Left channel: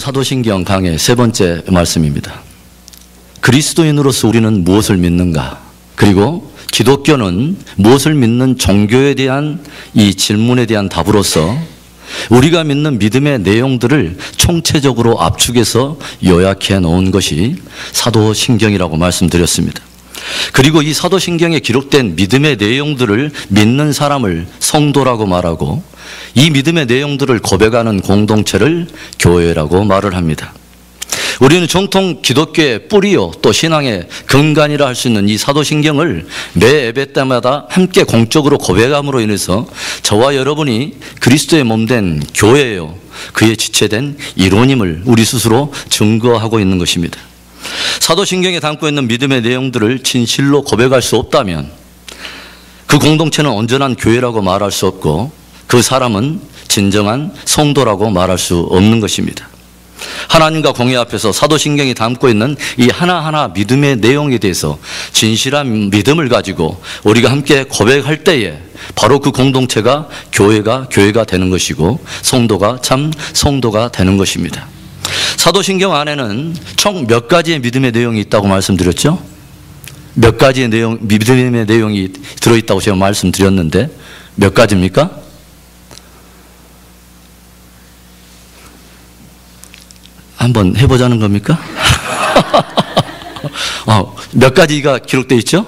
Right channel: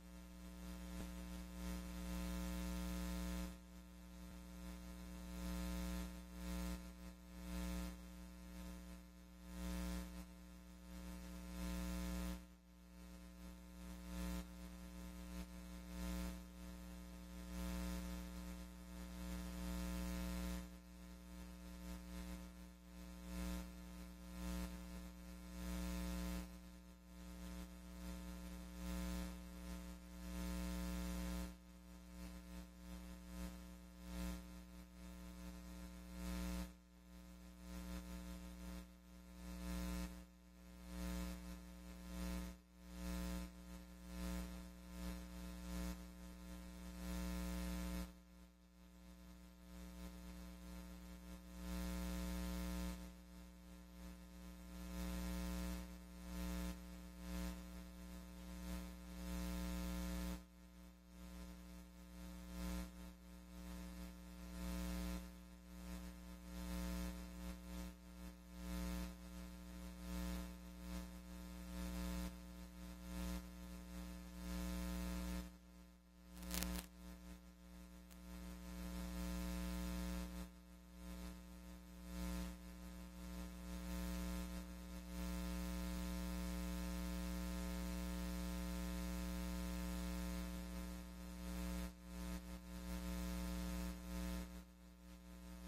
사도신경 강의 세 번째 말씀입니다. 그리스도인으로서 우리는 무엇을 믿는가? 그리고 기독교는 무엇을 믿는 종교에 대한 이 질문에 대한 답으로서 우리가 믿는 믿음의 내용들을 총체적으로 압축해서 요약해 놓은 것이 사도신경이라고 말씀드렸습니다. 그리고 이 사도신경에 기록된 믿음의 내용들을 믿는 사람을 성도라고 말하고 이 믿음의 내용들을 고백하는 공동체를 교회라고 말을 합니다. 우리는 정통 기독교의 뿌리요 또 신앙의 근간이라 할 수 있는 이 사도신경을 매 예배 때마다 함께 공적으로 고백함으로 인해서 저와 여러분이 그리스도의 몸된 교회요 그의 지체된 이론임을 우리 스스로 증거하고 있는 것입니다. 사도신경에 담고 있는 믿음의 내용들을 진실로 고백할 수 없다면 그 공동체는 온전한 교회라고 말할 수 없고 그 사람은 진정한 성도라고 말할 수 없는 것입니다. 하나님과 공의 앞에서 사도신경이 담고 있는 이 하나하나 믿음의 내용에 대해서 진실한 믿음을 가지고 우리가 함께 고백할 때에 바로 그 공동체가 교회가 되는 것이고 성도가 참 성도가 되는 것입니다. 사도신경 안에는 총 몇 가지의 믿음의 내용이 있다고 말씀드렸죠? 몇 가지의 믿음의 내용이 들어있다고 제가 말씀드렸는데 몇 가지입니까? 한번 해보자는 겁니까? 몇 가지가 기록되어 있죠?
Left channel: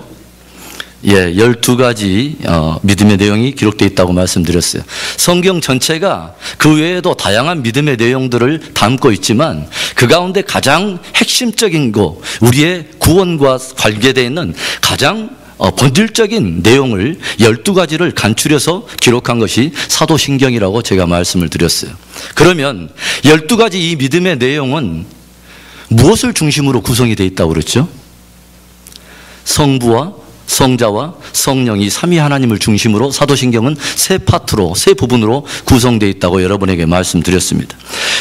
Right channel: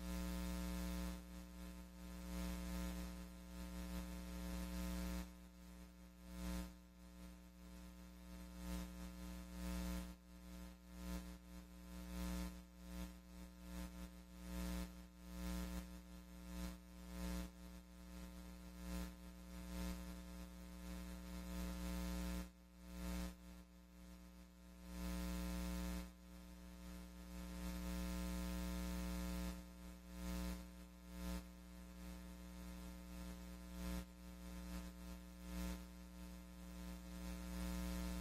예, 12가지 믿음의 내용이 기록되어 있다고 말씀드렸어요. 성경 전체가 그 외에도 다양한 믿음의 내용들을 담고 있지만 그 가운데 가장 핵심적인 거, 우리의 구원과 관계되어 있는 가장 본질적인 내용을 12가지를 간추려서 기록한 것이 사도신경이라고 제가 말씀을 드렸어요. 그러면 12가지 이 믿음의 내용은 무엇을 중심으로 구성이 되어 있다고 그랬죠? 성부와 성자와 성령이 삼위 하나님을 중심으로 사도신경은 세 파트로, 세 부분으로 구성되어 있다고 여러분에게 말씀드렸습니다.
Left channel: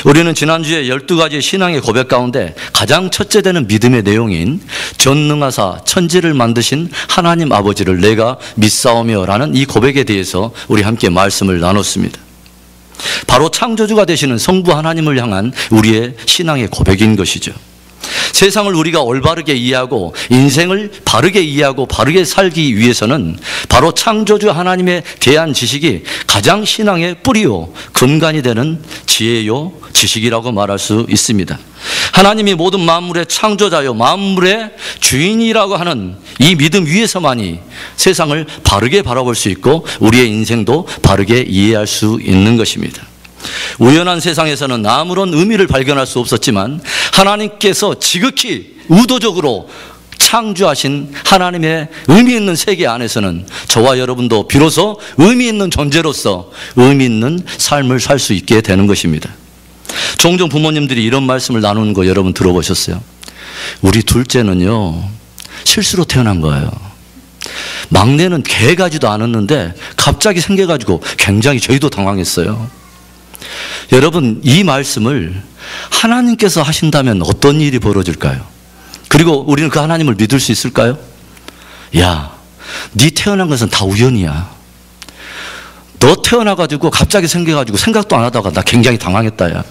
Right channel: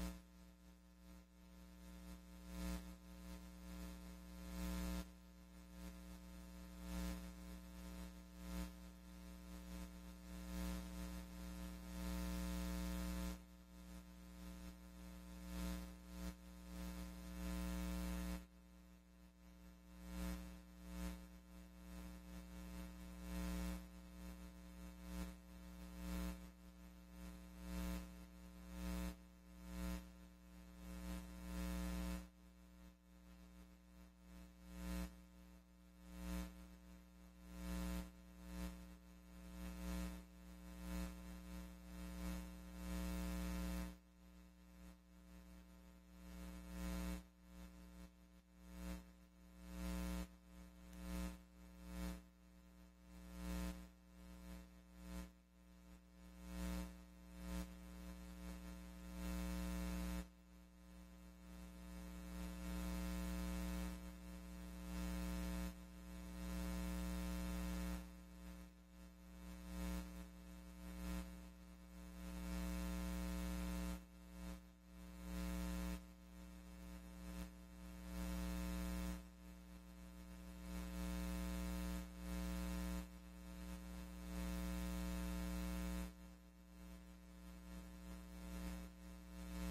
우리는 지난주에 12가지 신앙의 고백 가운데 가장 첫째 되는 믿음의 내용인 전능하사 천지를 만드신 하나님 아버지를 내가 믿사오며 라는 이 고백에 대해서 우리 함께 말씀을 나눴습니다. 바로 창조주가 되시는 성부 하나님을 향한 우리의 신앙의 고백인 것이죠. 세상을 우리가 올바르게 이해하고 인생을 바르게 이해하고 바르게 살기 위해서는 바로 창조주 하나님에 대한 지식이 가장 신앙의 뿌리요 근간이 되는 지혜요 지식이라고 말할 수 있습니다. 하나님이 모든 만물의 창조자요 만물의 주인이라고 하는 이 믿음 위에서만이 세상을 바르게 바라볼 수 있고 우리의 인생도 바르게 이해할 수 있는 것입니다. 우연한 세상에서는 아무런 의미를 발견할 수 없었지만 하나님께서 지극히 의도적으로 창조하신 하나님의 의미 있는 세계 안에서는 저와 여러분도 비로소 의미 있는 존재로서 의미 있는 삶을 살 수 있게 되는 것입니다. 종종 부모님들이 이런 말씀을 나누는 거 여러분 들어보셨어요? 우리 둘째는요 실수로 태어난 거예요. 막내는 개가지도 않았는데 갑자기 생겨가지고 굉장히 저희도 당황했어요. 여러분 이 말씀을 하나님께서 하신다면 어떤 일이 벌어질까요? 그리고 우리는 그 하나님을 믿을 수 있을까요? 야, 네 태어난 것은 다 우연이야. 너 태어나가지고 갑자기 생겨가지고 생각도 안 하다가 나 굉장히 당황했다 야.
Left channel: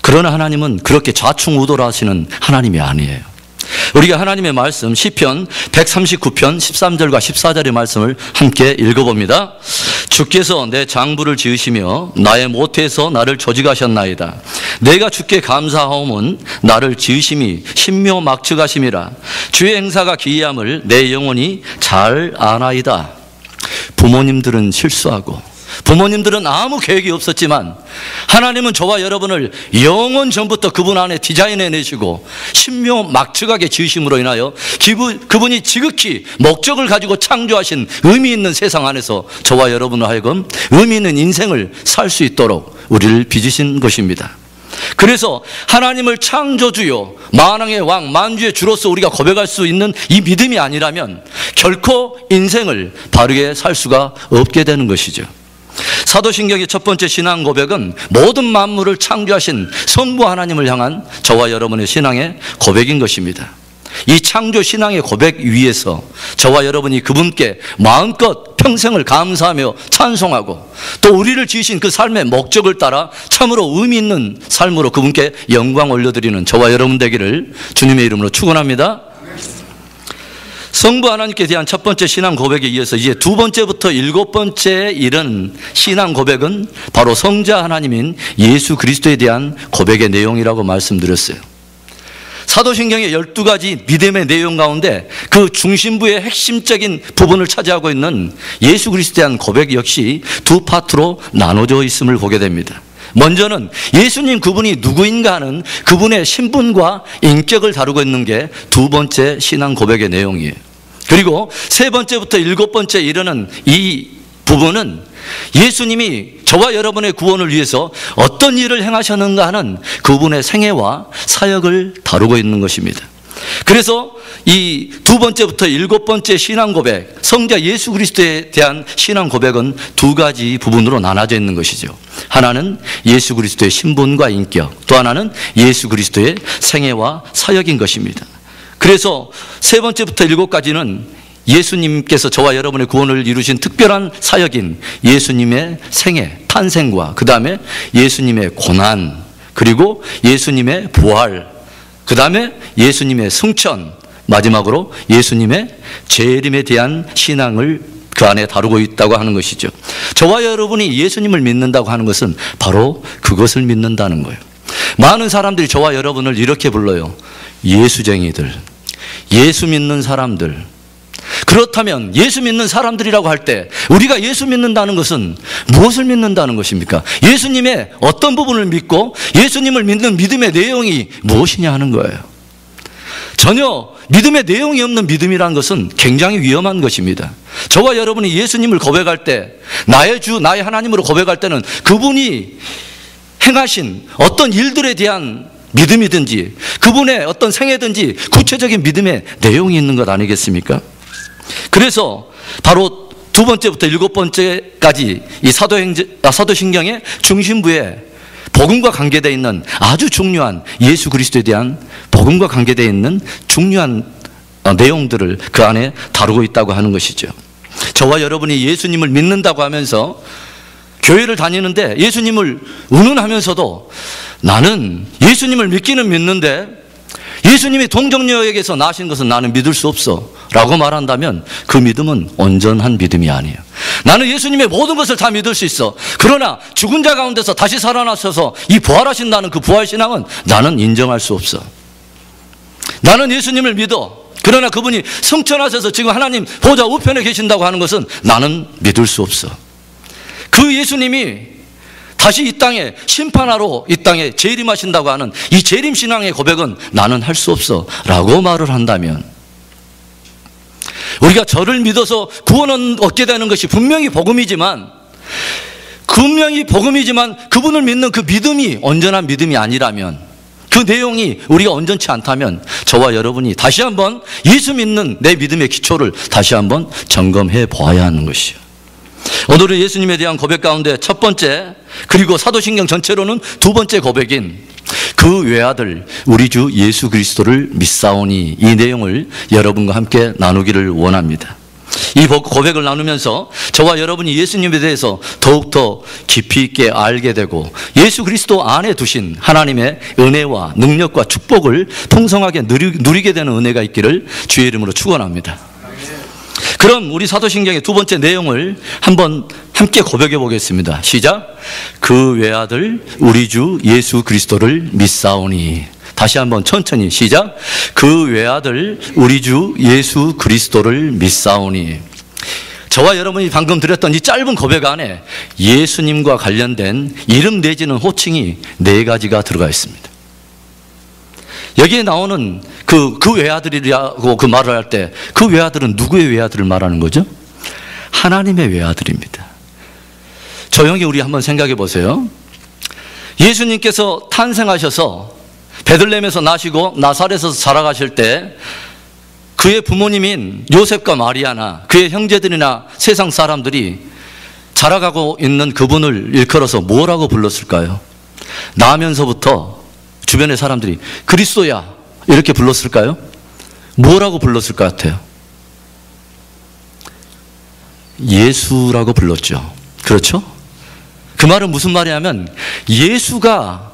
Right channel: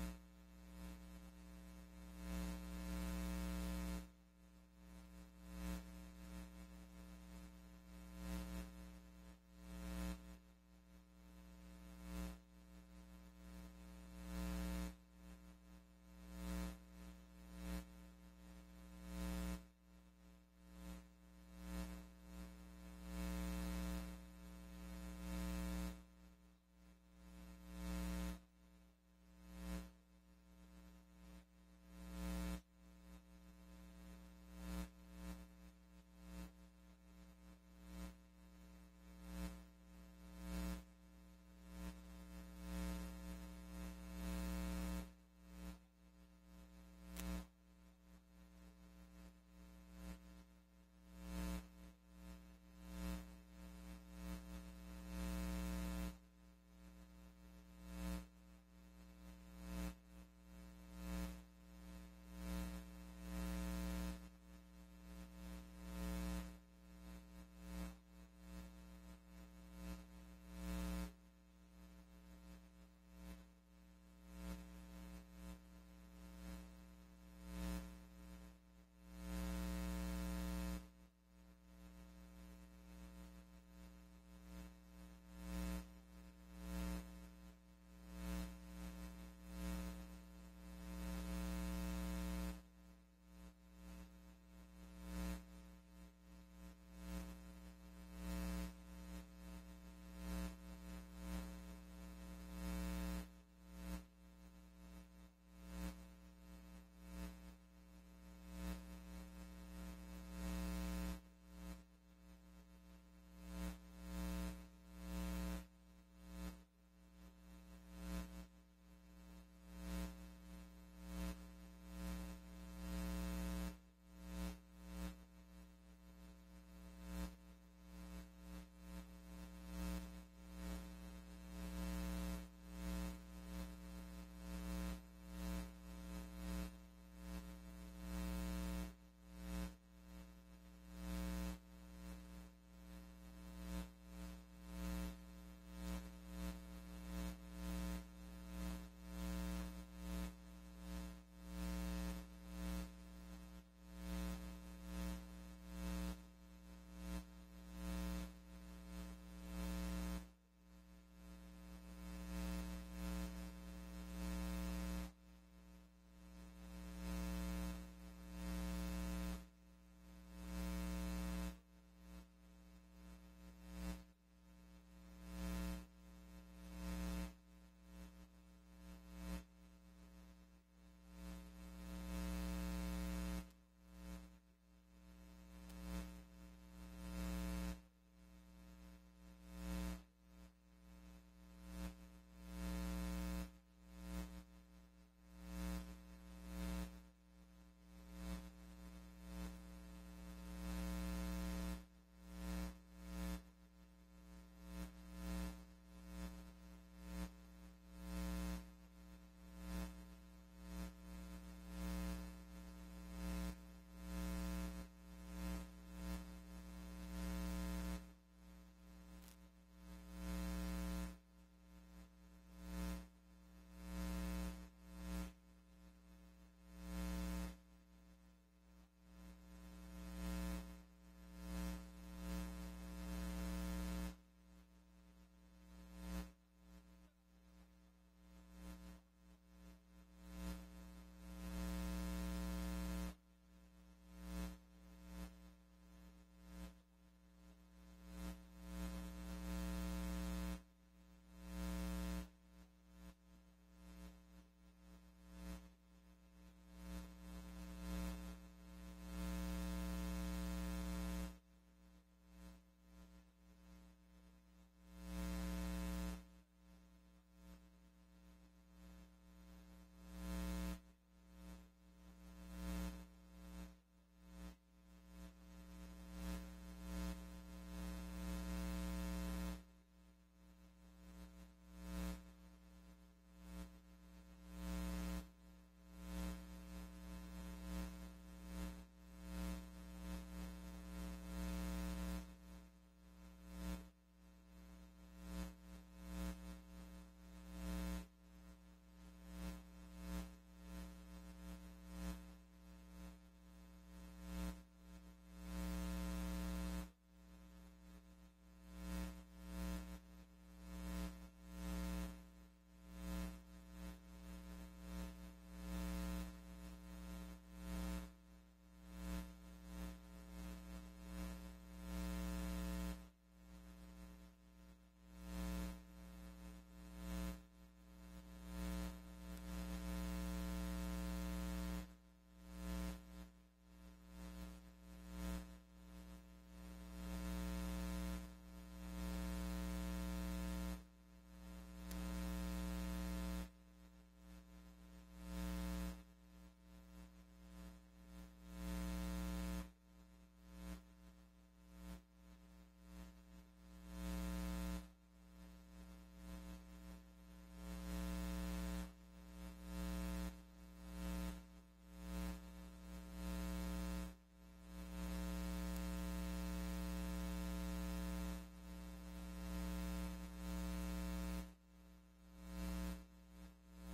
그러나 하나님은 그렇게 좌충우돌 하시는 하나님이 아니에요. 우리가 하나님의 말씀 시편 139편 13절과 14절의 말씀을 함께 읽어봅니다. 주께서 내 장부를 지으시며 나의 모태에서 나를 조직하셨나이다. 내가 주께 감사하오면 나를 지으심이 신묘막측하심이라. 주의 행사가 기이함을 내 영혼이 잘 아나이다. 부모님들은 실수하고 부모님들은 아무 계획이 없었지만 하나님은 저와 여러분을 영원 전부터 그분 안에 디자인해 내시고 신묘막측하게 지으심으로 인하여 그분이 지극히 목적을 가지고 창조하신 의미 있는 세상 안에서 저와 여러분을 하여금 의미 있는 인생을 살 수 있도록 우리를 빚으신 것입니다. 그래서 하나님을 창조주요 만왕의 왕 만주의 주로서 우리가 고백할 수 있는 이 믿음이 아니라면 결코 인생을 바르게 살 수가 없게 되는 것이죠. 사도신경의 첫 번째 신앙 고백은 모든 만물을 창조하신 성부 하나님을 향한 저와 여러분의 신앙의 고백인 것입니다. 이 창조 신앙의 고백 위에서 저와 여러분이 그분께 마음껏 평생을 감사하며 찬송하고 또 우리를 지으신 그 삶의 목적을 따라 참으로 의미 있는 삶으로 그분께 영광 올려드리는 저와 여러분 되기를 주님의 이름으로 축원합니다. 성부 하나님께 대한 첫 번째 신앙 고백에 이어서 이제 두 번째부터 일곱 번째에 이른 신앙 고백은 바로 성자 하나님인 예수 그리스도에 대한 고백의 내용이라고 말씀드렸어요. 사도신경의 12가지 믿음의 내용 가운데 그 중심부의 핵심적인 부분을 차지하고 있는 예수 그리스도에 대한 고백 역시 두 파트로 나눠져 있음을 보게 됩니다. 먼저는 예수님 그분이 누구인가 하는 그분의 신분과 인격을 다루고 있는 게 두 번째 신앙 고백의 내용이에요. 그리고 세 번째부터 일곱 번째에 이르는 이 부분은 예수님이 저와 여러분의 구원을 위해서 어떤 일을 행하셨는가 하는 그분의 생애와 사역을 다루고 있는 것입니다. 그래서 이 두 번째부터 일곱 번째 신앙 고백, 성자 예수 그리스도에 대한 신앙 고백은 두 가지 부분으로 나눠져 있는 것이죠. 하나는 예수 그리스도의 신분과 인격, 또 하나는 예수 그리스도의 생애와 사역인 것입니다. 그래서 세 번째부터 일곱까지는 예수님께서 저와 여러분의 구원을 이루신 특별한 사역인 예수님의 생애, 탄생과 그 다음에 예수님의 고난, 그리고 예수님의 부활, 그 다음에 예수님의 승천, 마지막으로 예수님의 재림에 대한 신앙을 그 안에 다루고 있다고 하는 것이죠. 저와 여러분이 예수님을 믿는다고 하는 것은 바로 그것을 믿는다는 거예요. 많은 사람들이 저와 여러분을 이렇게 불러요. 예수쟁이들, 예수 믿는 사람들. 그렇다면 예수 믿는 사람들이라고 할 때 우리가 예수 믿는다는 것은 무엇을 믿는다는 것입니까? 예수님의 어떤 부분을 믿고 예수님을 믿는 믿음의 내용이 무엇이냐 하는 거예요. 전혀 믿음의 내용이 없는 믿음이라는 것은 굉장히 위험한 것입니다. 저와 여러분이 예수님을 고백할 때, 나의 주, 나의 하나님으로 고백할 때는 그분이 행하신 어떤 일들에 대한 믿음이든지 그분의 어떤 생애든지 구체적인 믿음의 내용이 있는 것 아니겠습니까? 그래서 바로 두 번째부터 일곱 번째까지 이 사도신경의 중심부에 복음과 관계되어 있는 아주 중요한 예수 그리스도에 대한 복음과 관계되어 있는 중요한 내용들을 그 안에 다루고 있다고 하는 것이죠. 저와 여러분이 예수님을 믿는다고 하면서 교회를 다니는데 예수님을 운운하면서도 나는 예수님을 믿기는 믿는데 예수님이 동정녀에게서 나신 것은 나는 믿을 수 없어 라고 말한다면 그 믿음은 온전한 믿음이 아니에요. 나는 예수님의 모든 것을 다 믿을 수 있어. 그러나 죽은 자 가운데서 다시 살아나셔서 이 부활하신다는 그 부활신앙은 나는 인정할 수 없어. 나는 예수님을 믿어. 그러나 그분이 승천하셔서 지금 하나님 보좌 우편에 계신다고 하는 것은 나는 믿을 수 없어. 그 예수님이 다시 이 땅에 심판하러 이 땅에 재림하신다고 하는 이 재림신앙의 고백은 나는 할 수 없어 라고 말을 한다면 우리가 저를 믿어서 구원을 얻게 되는 것이 분명히 복음이지만 그분을 믿는 그 믿음이 온전한 믿음이 아니라면, 그 내용이 우리가 온전치 않다면 저와 여러분이 다시 한번 예수 믿는 내 믿음의 기초를 다시 한번 점검해 보아야 하는 것이요. 오늘은 예수님에 대한 고백 가운데 첫 번째, 그리고 사도신경 전체로는 두 번째 고백인 그 외아들 우리 주 예수 그리스도를 믿사오니, 이 내용을 여러분과 함께 나누기를 원합니다. 이 고백을 나누면서 저와 여러분이 예수님에 대해서 더욱더 깊이 있게 알게 되고 예수 그리스도 안에 두신 하나님의 은혜와 능력과 축복을 풍성하게 누리게 되는 은혜가 있기를 주의 이름으로 축원합니다. 그럼 우리 사도신경의 두 번째 내용을 한번 함께 고백해 보겠습니다. 시작. 그 외아들 우리 주 예수 그리스도를 믿사오니. 다시 한번 천천히 시작. 그 외아들 우리 주 예수 그리스도를 믿사오니. 저와 여러분이 방금 드렸던 이 짧은 고백 안에 예수님과 관련된 이름 내지는 호칭이 네 가지가 들어가 있습니다. 여기에 나오는 그 외아들이라고 그 말을 할 때 그 외아들은 누구의 외아들을 말하는 거죠? 하나님의 외아들입니다. 조용히 우리 한번 생각해 보세요. 예수님께서 탄생하셔서 베들레헴에서 나시고 나사렛에서 자라가실 때 그의 부모님인 요셉과 마리아나 그의 형제들이나 세상 사람들이 자라가고 있는 그분을 일컬어서 뭐라고 불렀을까요? 나면서부터 주변의 사람들이 그리스도야 이렇게 불렀을까요? 뭐라고 불렀을 것 같아요? 예수라고 불렀죠. 그렇죠? 그 말은 무슨 말이냐면 예수가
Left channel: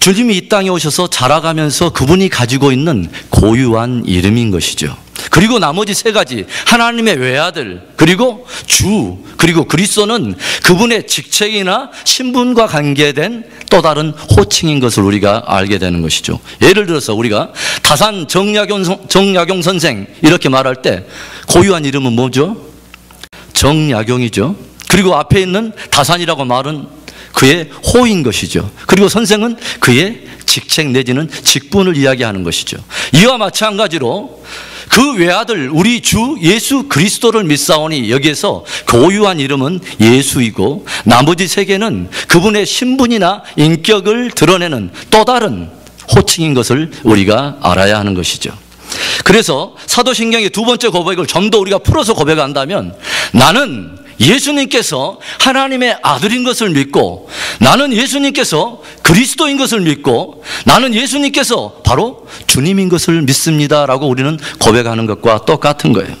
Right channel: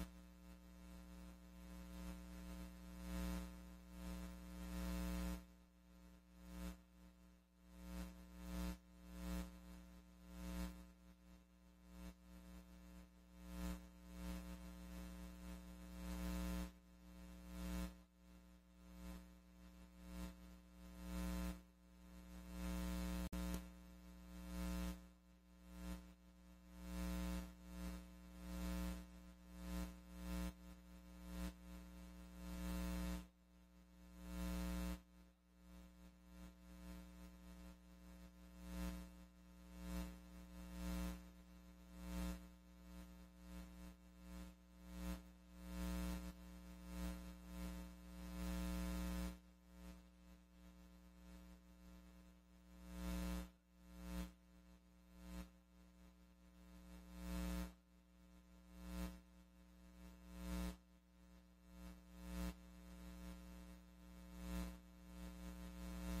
주님이 이 땅에 오셔서 자라가면서 그분이 가지고 있는 고유한 이름인 것이죠. 그리고 나머지 세 가지, 하나님의 외아들, 그리고 주, 그리고 그리스도는 그분의 직책이나 신분과 관계된 또 다른 호칭인 것을 우리가 알게 되는 것이죠. 예를 들어서 우리가 다산 정약용 선생 이렇게 말할 때 고유한 이름은 뭐죠? 정약용이죠. 그리고 앞에 있는 다산이라고 말은 그의 호인 것이죠. 그리고 선생은 그의 직책 내지는 직분을 이야기하는 것이죠. 이와 마찬가지로 그 외아들 우리 주 예수 그리스도를 믿사오니 여기에서 고유한 이름은 예수이고 나머지 세 개는 그분의 신분이나 인격을 드러내는 또 다른 호칭인 것을 우리가 알아야 하는 것이죠. 그래서 사도신경의 두 번째 고백을 좀 더 우리가 풀어서 고백한다면 나는 예수님께서 하나님의 아들인 것을 믿고 나는 예수님께서 그리스도인 것을 믿고 나는 예수님께서 바로 주님인 것을 믿습니다 라고 우리는 고백하는 것과 똑같은 거예요.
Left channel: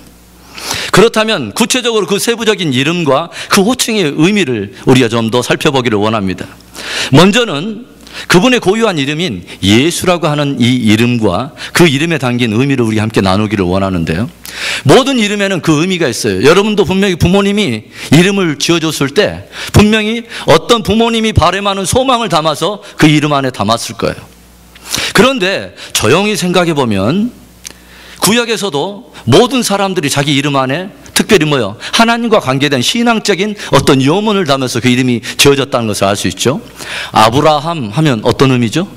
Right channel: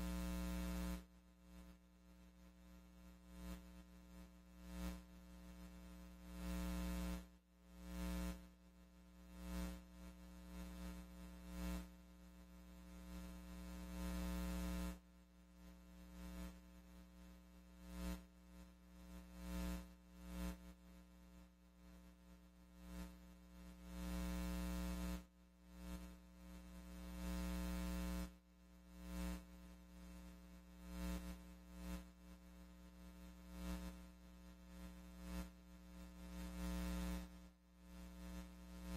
그렇다면 구체적으로 그 세부적인 이름과 그 호칭의 의미를 우리가 좀 더 살펴보기를 원합니다. 먼저는 그분의 고유한 이름인 예수라고 하는 이 이름과 그 이름에 담긴 의미를 우리 함께 나누기를 원하는데요. 모든 이름에는 그 의미가 있어요. 여러분도 분명히 부모님이 이름을 지어줬을 때 분명히 어떤 부모님이 바람하는 소망을 담아서 그 이름 안에 담았을 거예요. 그런데 조용히 생각해 보면 구약에서도 모든 사람들이 자기 이름 안에 특별히 뭐요? 하나님과 관계된 신앙적인 어떤 요문을 담아서 그 이름이 지어졌다는 것을 알 수 있죠. 아브라함 하면 어떤 의미죠?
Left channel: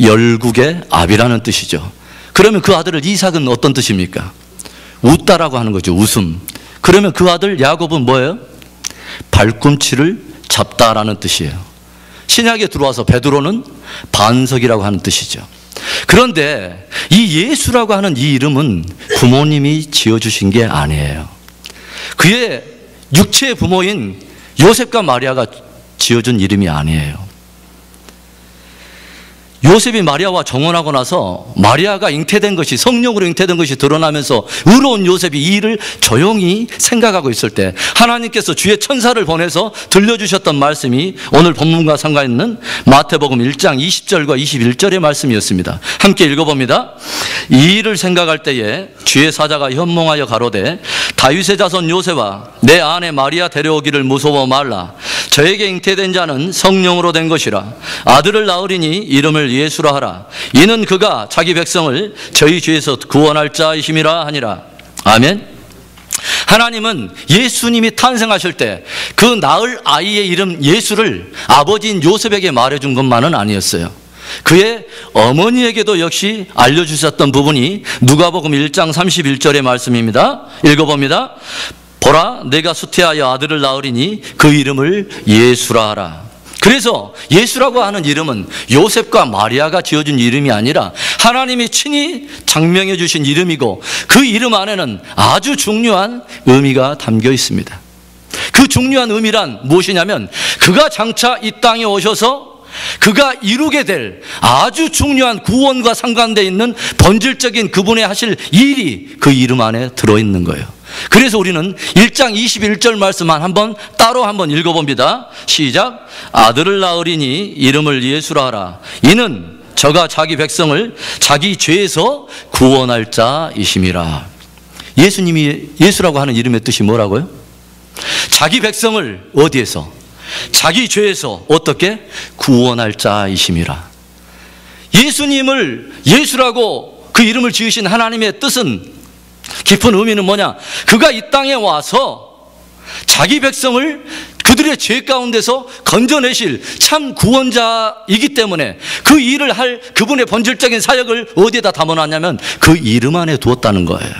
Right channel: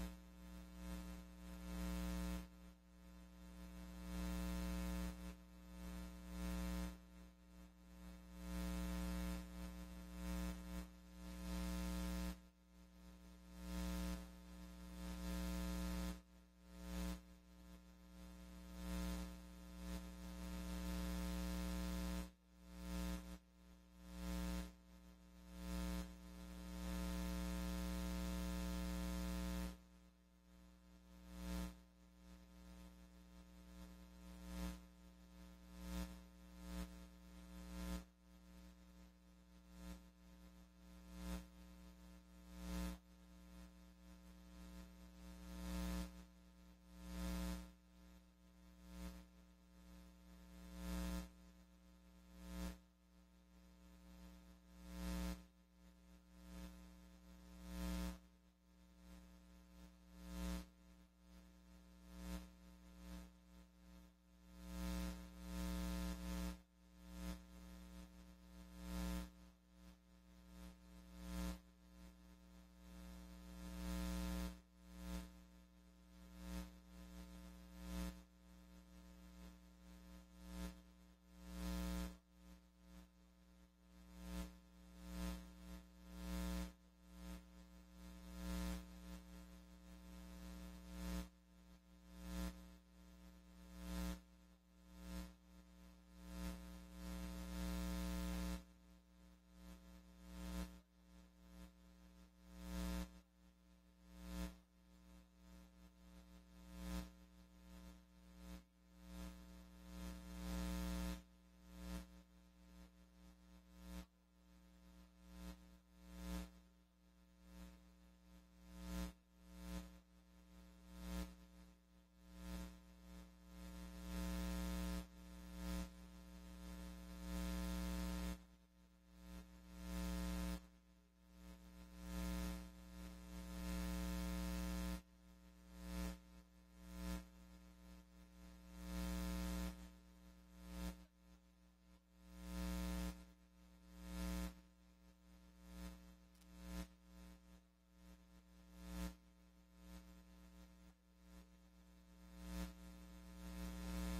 열국의 압이라는 뜻이죠. 그러면 그 아들을 이삭은 어떤 뜻입니까? 웃다라고 하는 거죠. 웃음. 그러면 그 아들 야곱은 뭐예요? 발꿈치를 잡다라는 뜻이에요. 신약에 들어와서 베드로는 반석이라고 하는 뜻이죠. 그런데 이 예수라고 하는 이 이름은 부모님이 지어주신 게 아니에요. 그의 육체의 부모인 요셉과 마리아가 지어준 이름이 아니에요. 요셉이 마리아와 정혼하고 나서 마리아가 잉태된 것이 성령으로 잉태된 것이 드러나면서 의로운 요셉이 이 일을 조용히 생각하고 있을 때 하나님께서 주의 천사를 보내서 들려주셨던 말씀이 오늘 본문과 상관있는 마태복음 1장 20절과 21절의 말씀이었습니다. 함께 읽어봅니다. 이 일을 생각할 때에 주의 사자가 현몽하여 가로되 다윗의 자손 요셉아 내 아내 마리아 데려오기를 무서워 말라. 저에게 잉태된 자는 성령으로 된 것이라. 아들을 낳으리니 이름을 예수라 하라. 이는 그가 자기 백성을 저희 죄에서 구원할 자이심이라 하니라. 아멘. 하나님은 예수님이 탄생하실 때 그 낳을 아이의 이름 예수를 아버지인 요셉에게 말해준 것만은 아니었어요. 그의 어머니에게도 역시 알려주셨던 부분이 누가복음 1장 31절의 말씀입니다. 읽어봅니다. 보라 내가 수태하여 아들을 낳으리니 그 이름을 예수라 하라. 그래서 예수라고 하는 이름은 요셉과 마리아가 지어준 이름이 아니라 하나님이 친히 장명해 주신 이름이고 그 이름 안에는 아주 중요한 의미가 담겨 있습니다. 그 중요한 의미란 무엇이냐면 그가 장차 이 땅에 오셔서 그가 이루게 될 아주 중요한 구원과 상관되어 있는 본질적인 그분의 하실 일이 그 이름 안에 들어있는 거예요. 그래서 우리는 1장 21절 말씀만 따로 한번 읽어봅니다. 시작. 아들을 낳으리니 이름을 예수라 하라. 이는 저가 자기 백성을 자기 죄에서 구원할 자이심이라. 예수님이 예수라고 하는 이름의 뜻이 뭐라고요? 자기 백성을 어디에서? 자기 죄에서 어떻게? 구원할 자이심이라. 예수님을 예수라고 그 이름을 지으신 하나님의 뜻은 깊은 의미는 뭐냐? 그가 이 땅에 와서 자기 백성을 그들의 죄 가운데서 건져내실 참 구원자이기 때문에 그 일을 할 그분의 본질적인 사역을 어디에다 담아놨냐면 그 이름 안에 두었다는 거예요.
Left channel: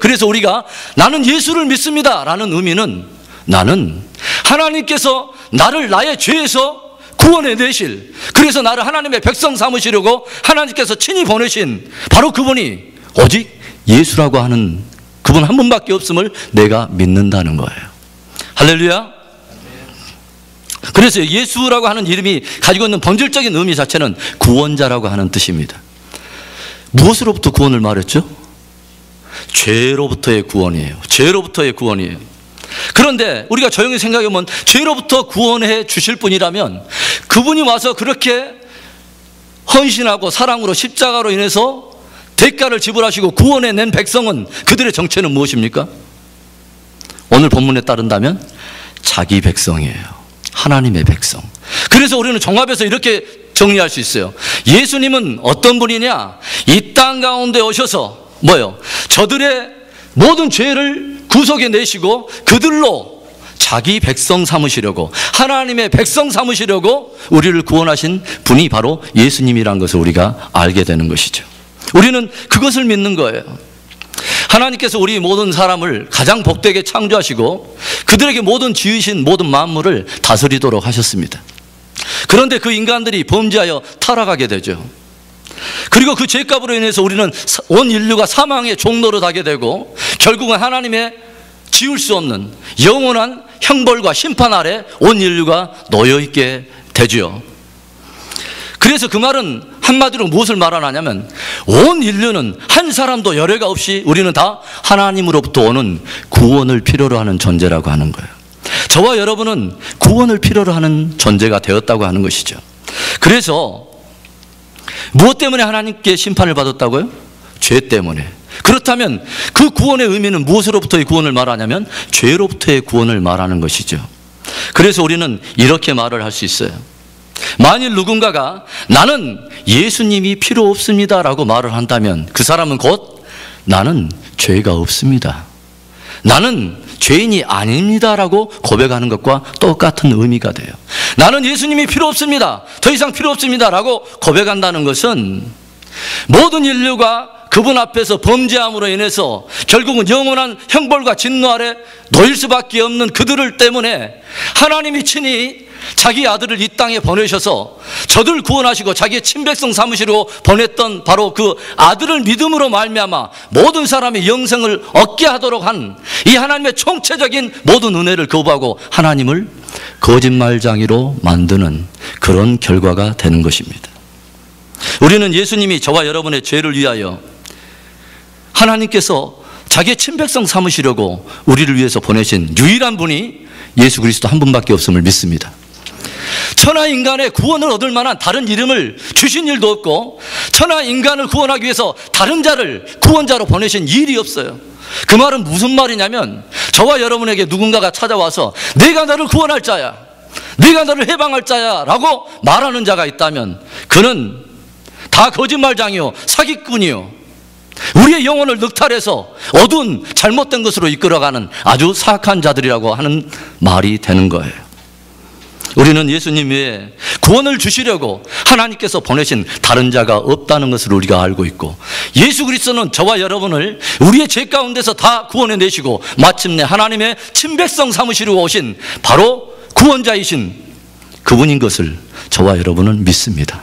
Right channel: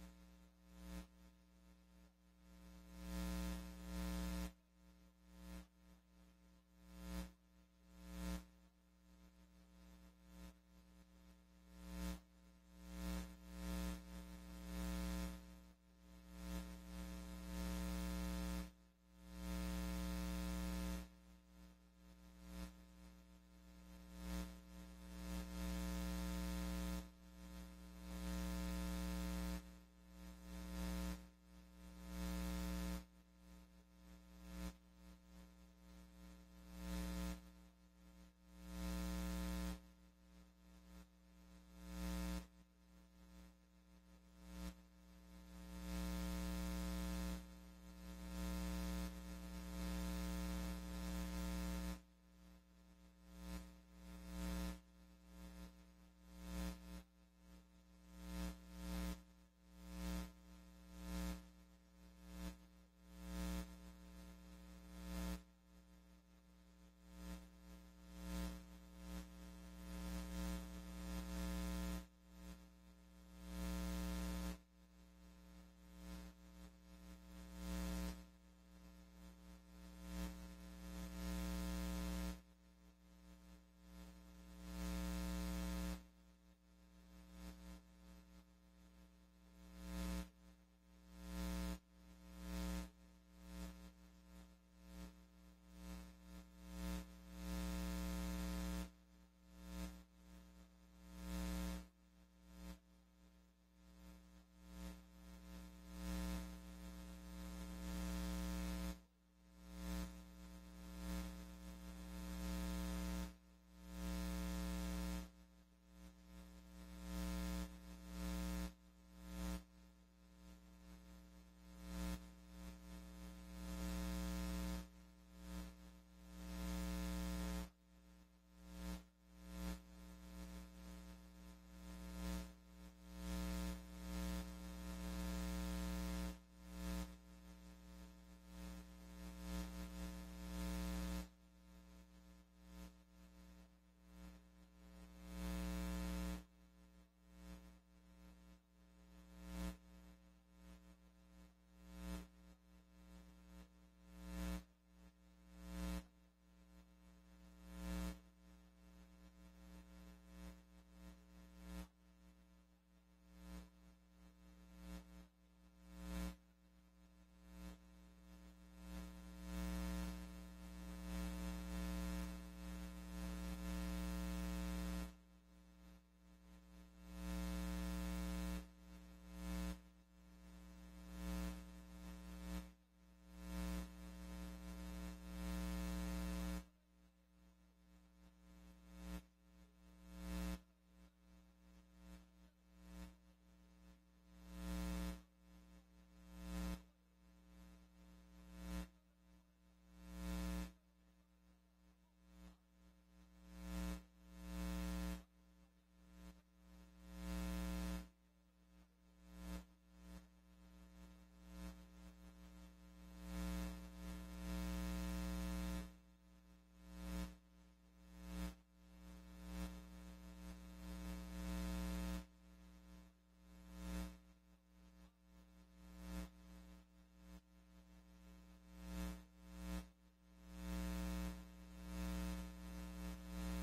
그래서 우리가 나는 예수를 믿습니다 라는 의미는 나는 하나님께서 나를 나의 죄에서 구원해 내실, 그래서 나를 하나님의 백성 삼으시려고 하나님께서 친히 보내신 바로 그분이 오직 예수라고 하는 그분 한 분밖에 없음을 내가 믿는다는 거예요. 할렐루야. 그래서 예수라고 하는 이름이 가지고 있는 본질적인 의미 자체는 구원자라고 하는 뜻입니다. 무엇으로부터 구원을 말했죠? 죄로부터의 구원이에요. 죄로부터의 구원이에요. 그런데 우리가 조용히 생각해보면 죄로부터 구원해 주실 분이라면 그분이 와서 그렇게 헌신하고 사랑으로 십자가로 인해서 대가를 지불하시고 구원해 낸 백성은 그들의 정체는 무엇입니까? 오늘 본문에 따른다면 자기 백성이에요. 하나님의 백성. 그래서 우리는 종합해서 이렇게 정리할 수 있어요. 예수님은 어떤 분이냐? 이 땅 가운데 오셔서 뭐요? 저들의 모든 죄를 구속해 내시고 그들로 자기 백성 삼으시려고, 하나님의 백성 삼으시려고 우리를 구원하신 분이 바로 예수님이라는 것을 우리가 알게 되는 것이죠. 우리는 그것을 믿는 거예요. 하나님께서 우리 모든 사람을 가장 복되게 창조하시고 그들에게 모든 지으신 모든 만물을 다스리도록 하셨습니다. 그런데 그 인간들이 범죄하여 타락하게 되죠. 그리고 그 죄값으로 인해서 우리는 온 인류가 사망의 종로로 가게 되고 결국은 하나님의 지울 수 없는 영원한 형벌과 심판 아래 온 인류가 놓여있게 되죠. 그래서 그 말은 한마디로 무엇을 말하냐면 온 인류는 한 사람도 열애가 없이 우리는 다 하나님으로부터 오는 구원을 필요로 하는 존재라고 하는 거예요. 저와 여러분은 구원을 필요로 하는 존재가 되었다고 하는 것이죠. 그래서 무엇 때문에 하나님께 심판을 받았다고요? 죄 때문에. 그렇다면 그 구원의 의미는 무엇으로부터의 구원을 말하냐면 죄로부터의 구원을 말하는 것이죠. 그래서 우리는 이렇게 말을 할 수 있어요. 만일 누군가가 나는 예수님이 필요 없습니다 라고 말을 한다면 그 사람은 곧 나는 죄가 없습니다, 나는 죄인이 아닙니다 라고 고백하는 것과 똑같은 의미가 돼요. 나는 예수님이 필요 없습니다, 더 이상 필요 없습니다 라고 고백한다는 것은 모든 인류가 그분 앞에서 범죄함으로 인해서 결국은 영원한 형벌과 진노 아래 놓일 수밖에 없는 그들을 때문에 하나님이 친히 자기 아들을 이 땅에 보내셔서 저들 구원하시고 자기의 친백성 삼으시려고 보냈던 바로 그 아들을 믿음으로 말미암아 모든 사람의 영생을 얻게 하도록 한 이 하나님의 총체적인 모든 은혜를 거부하고 하나님을 거짓말쟁이로 만드는 그런 결과가 되는 것입니다. 우리는 예수님이 저와 여러분의 죄를 위하여 하나님께서 자기의 친백성 삼으시려고 우리를 위해서 보내신 유일한 분이 예수 그리스도 한 분밖에 없음을 믿습니다. 천하 인간의 구원을 얻을 만한 다른 이름을 주신 일도 없고 천하 인간을 구원하기 위해서 다른 자를 구원자로 보내신 일이 없어요. 그 말은 무슨 말이냐면 저와 여러분에게 누군가가 찾아와서 내가 너를 구원할 자야, 내가 너를 해방할 자야 라고 말하는 자가 있다면 그는 다 거짓말장이요, 사기꾼이요, 우리의 영혼을 늑탈해서 어두운 잘못된 것으로 이끌어가는 아주 사악한 자들이라고 하는 말이 되는 거예요. 우리는 예수님 외에 구원을 주시려고 하나님께서 보내신 다른 자가 없다는 것을 우리가 알고 있고 예수 그리스도는 저와 여러분을 우리의 죄 가운데서 다 구원해 내시고 마침내 하나님의 친백성 삼으시려고 오신 바로 구원자이신 그분인 것을 저와 여러분은 믿습니다.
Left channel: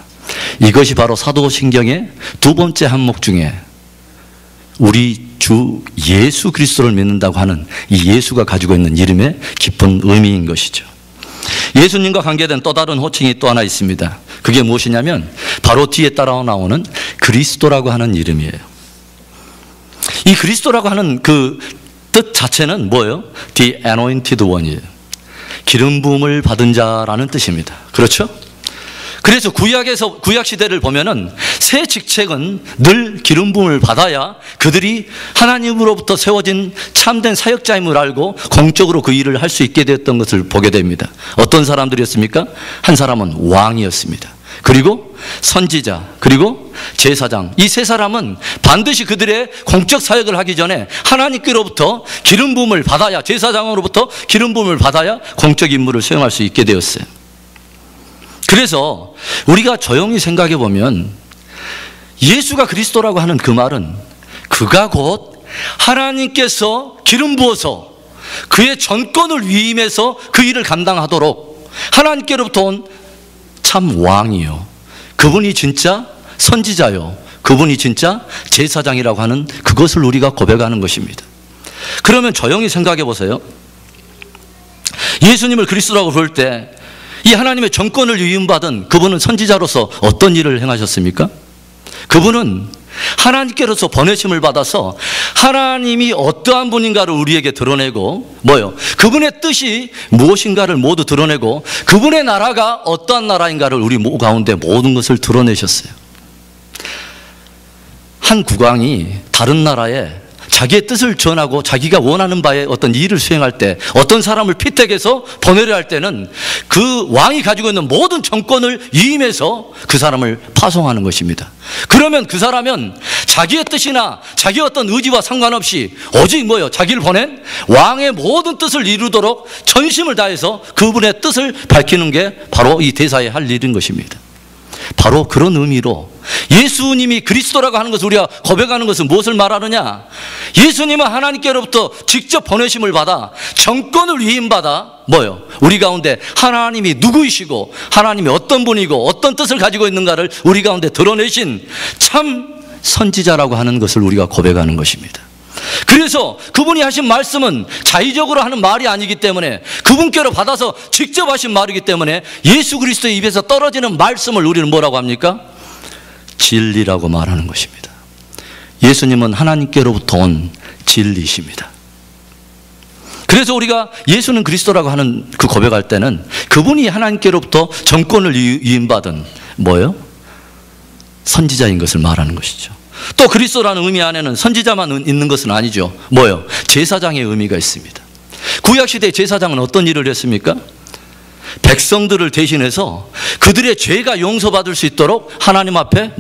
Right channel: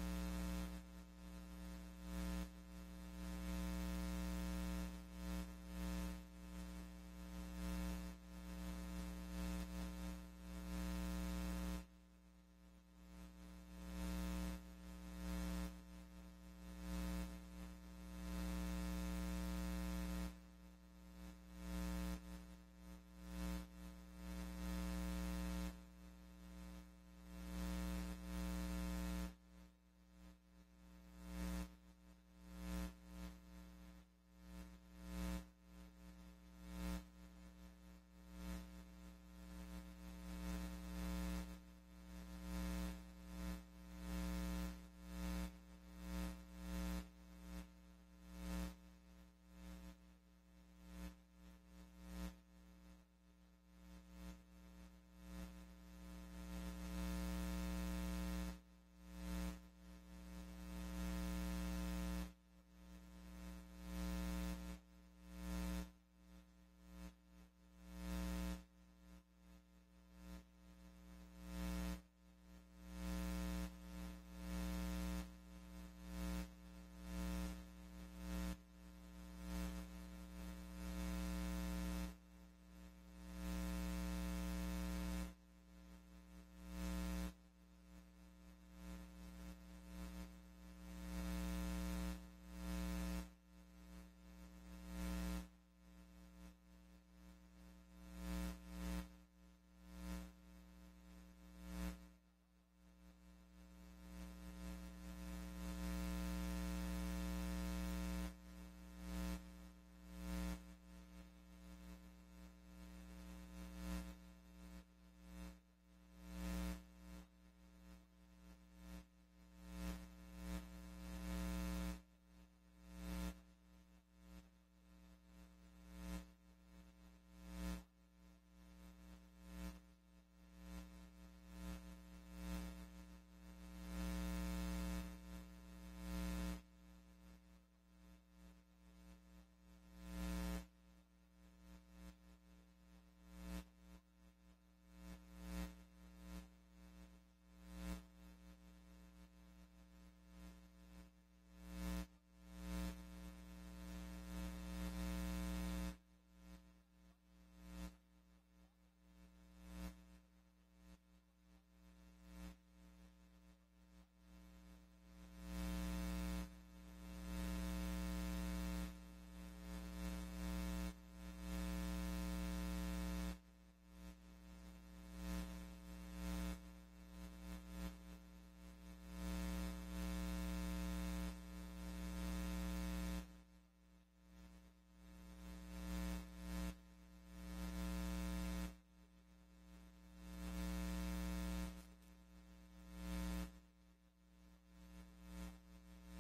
이것이 바로 사도신경의 두 번째 항목 중에 우리 주 예수 그리스도를 믿는다고 하는 이 예수가 가지고 있는 이름의 깊은 의미인 것이죠. 예수님과 관계된 또 다른 호칭이 또 하나 있습니다. 그게 무엇이냐면 바로 뒤에 따라 나오는 그리스도라고 하는 이름이에요. 이 그리스도라고 하는 그 뜻 자체는 뭐예요? The anointed one이에요. 기름 부음을 받은 자라는 뜻입니다. 그렇죠? 그래서 구약 시대를 보면은 새 직책은 늘 기름 부음을 받아야 그들이 하나님으로부터 세워진 참된 사역자임을 알고 공적으로 그 일을 할 수 있게 되었던 것을 보게 됩니다. 어떤 사람들이었습니까? 한 사람은 왕이었습니다. 그리고 선지자, 그리고 제사장, 이 세 사람은 반드시 그들의 공적 사역을 하기 전에 하나님께로부터 기름 부음을 받아야, 제사장으로부터 기름 부음을 받아야 공적 임무를 수행할 수 있게 되었어요. 그래서 우리가 조용히 생각해 보면 예수가 그리스도라고 하는 그 말은 그가 곧 하나님께서 기름 부어서 그의 전권을 위임해서 그 일을 감당하도록 하나님께로부터 온 참 왕이요, 그분이 진짜 선지자요, 그분이 진짜 제사장이라고 하는 그것을 우리가 고백하는 것입니다. 그러면 조용히 생각해 보세요. 예수님을 그리스도라고 부를 때 이 하나님의 정권을 위임받은 그분은 선지자로서 어떤 일을 행하셨습니까? 그분은 하나님께로서 보내심을 받아서 하나님이 어떠한 분인가를 우리에게 드러내고 그분의 뜻이 무엇인가를 모두 드러내고 그분의 나라가 어떠한 나라인가를 우리 가운데 모든 것을 드러내셨어요. 한 국왕이 다른 나라에 자기의 뜻을 전하고 자기가 원하는 바에 어떤 일을 수행할 때 어떤 사람을 피택해서 보내려 할 때는 그 왕이 가지고 있는 모든 정권을 위임해서 그 사람을 파송하는 것입니다. 그러면 그 사람은 자기의 뜻이나 자기의 어떤 의지와 상관없이 오직 자기를 보낸 왕의 모든 뜻을 이루도록 전심을 다해서 그분의 뜻을 밝히는 게 바로 이 대사의 할 일인 것입니다. 바로 그런 의미로 예수님이 그리스도라고 하는 것을 우리가 고백하는 것은 무엇을 말하느냐? 예수님은 하나님께로부터 직접 보내심을 받아 정권을 위임받아 우리 가운데 하나님이 누구이시고 하나님이 어떤 분이고 어떤 뜻을 가지고 있는가를 우리 가운데 드러내신 참 선지자라고 하는 것을 우리가 고백하는 것입니다. 그래서 그분이 하신 말씀은 자의적으로 하는 말이 아니기 때문에 그분께로 받아서 직접 하신 말이기 때문에 예수 그리스도의 입에서 떨어지는 말씀을 우리는 뭐라고 합니까? 진리라고 말하는 것입니다. 예수님은 하나님께로부터 온 진리이십니다. 그래서 우리가 예수는 그리스도라고 하는 그 고백할 때는 그분이 하나님께로부터 정권을 위임받은 선지자인 것을 말하는 것이죠. 또 그리스도라는 의미 안에는 선지자만 있는 것은 아니죠. 제사장의 의미가 있습니다. 구약시대 제사장은 어떤 일을 했습니까? 백성들을 대신해서 그들의 죄가 용서받을 수 있도록 하나님 앞에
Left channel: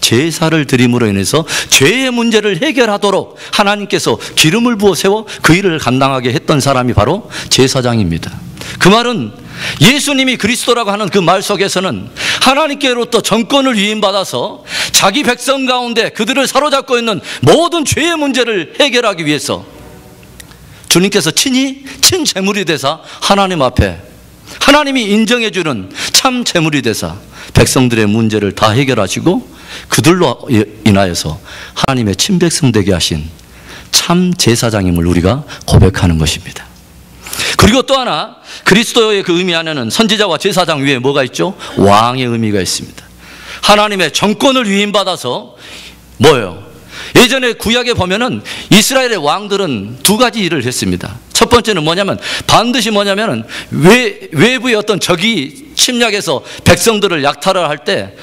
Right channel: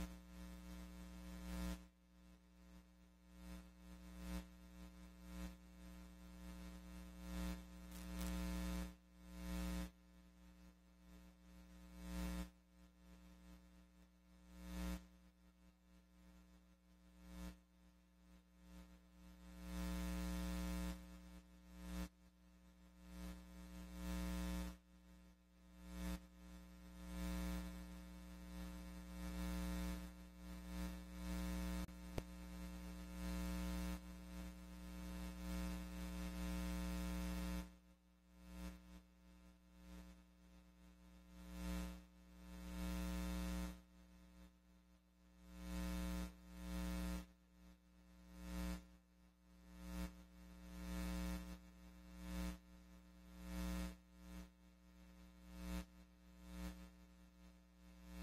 제사를 드림으로 인해서 죄의 문제를 해결하도록 하나님께서 기름을 부어 세워 그 일을 감당하게 했던 사람이 바로 제사장입니다. 그 말은 예수님이 그리스도라고 하는 그 말 속에서는 하나님께로부터 정권을 위임받아서 자기 백성 가운데 그들을 사로잡고 있는 모든 죄의 문제를 해결하기 위해서 주님께서 친히 친제물이 되사 하나님 앞에 하나님이 인정해 주는 참 제물이 되사 백성들의 문제를 다 해결하시고 그들로 인하여서 하나님의 친백성 되게 하신 참 제사장임을 우리가 고백하는 것입니다. 그리고 또 하나 그리스도의 그 의미 안에는 선지자와 제사장 위에 뭐가 있죠? 왕의 의미가 있습니다. 하나님의 정권을 위임받아서 예전에 구약에 보면은 이스라엘의 왕들은 두 가지 일을 했습니다. 첫 번째는 반드시 외부의 어떤 적이 침략해서 백성들을 약탈을 할 때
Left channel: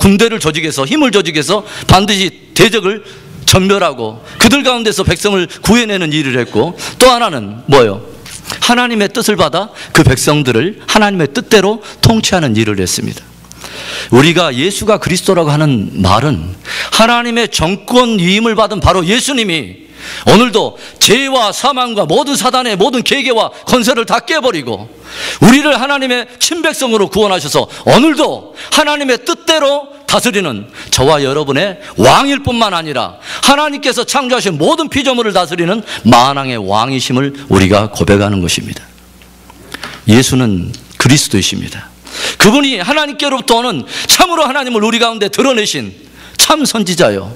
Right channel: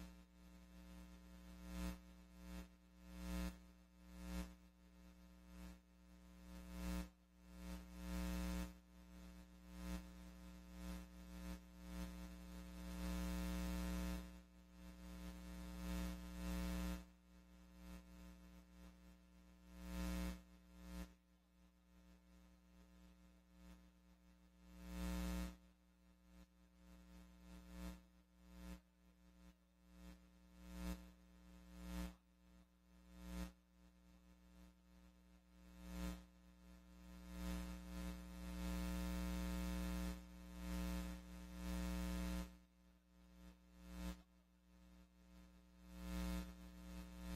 군대를 조직해서 힘을 조직해서 반드시 대적을 전멸하고 그들 가운데서 백성을 구해내는 일을 했고, 또 하나는 하나님의 뜻을 받아 그 백성들을 하나님의 뜻대로 통치하는 일을 했습니다. 우리가 예수가 그리스도라고 하는 말은 하나님의 정권 위임을 받은 바로 예수님이 오늘도 죄와 사망과 모든 사단의 모든 계계와 권세를 다 깨버리고 우리를 하나님의 친백성으로 구원하셔서 오늘도 하나님의 뜻대로 다스리는 저와 여러분의 왕일 뿐만 아니라 하나님께서 창조하신 모든 피조물을 다스리는 만왕의 왕이심을 우리가 고백하는 것입니다. 예수는 그리스도이십니다. 그분이 하나님께로부터 오는 참으로 하나님을 우리 가운데 드러내신 참 선지자요,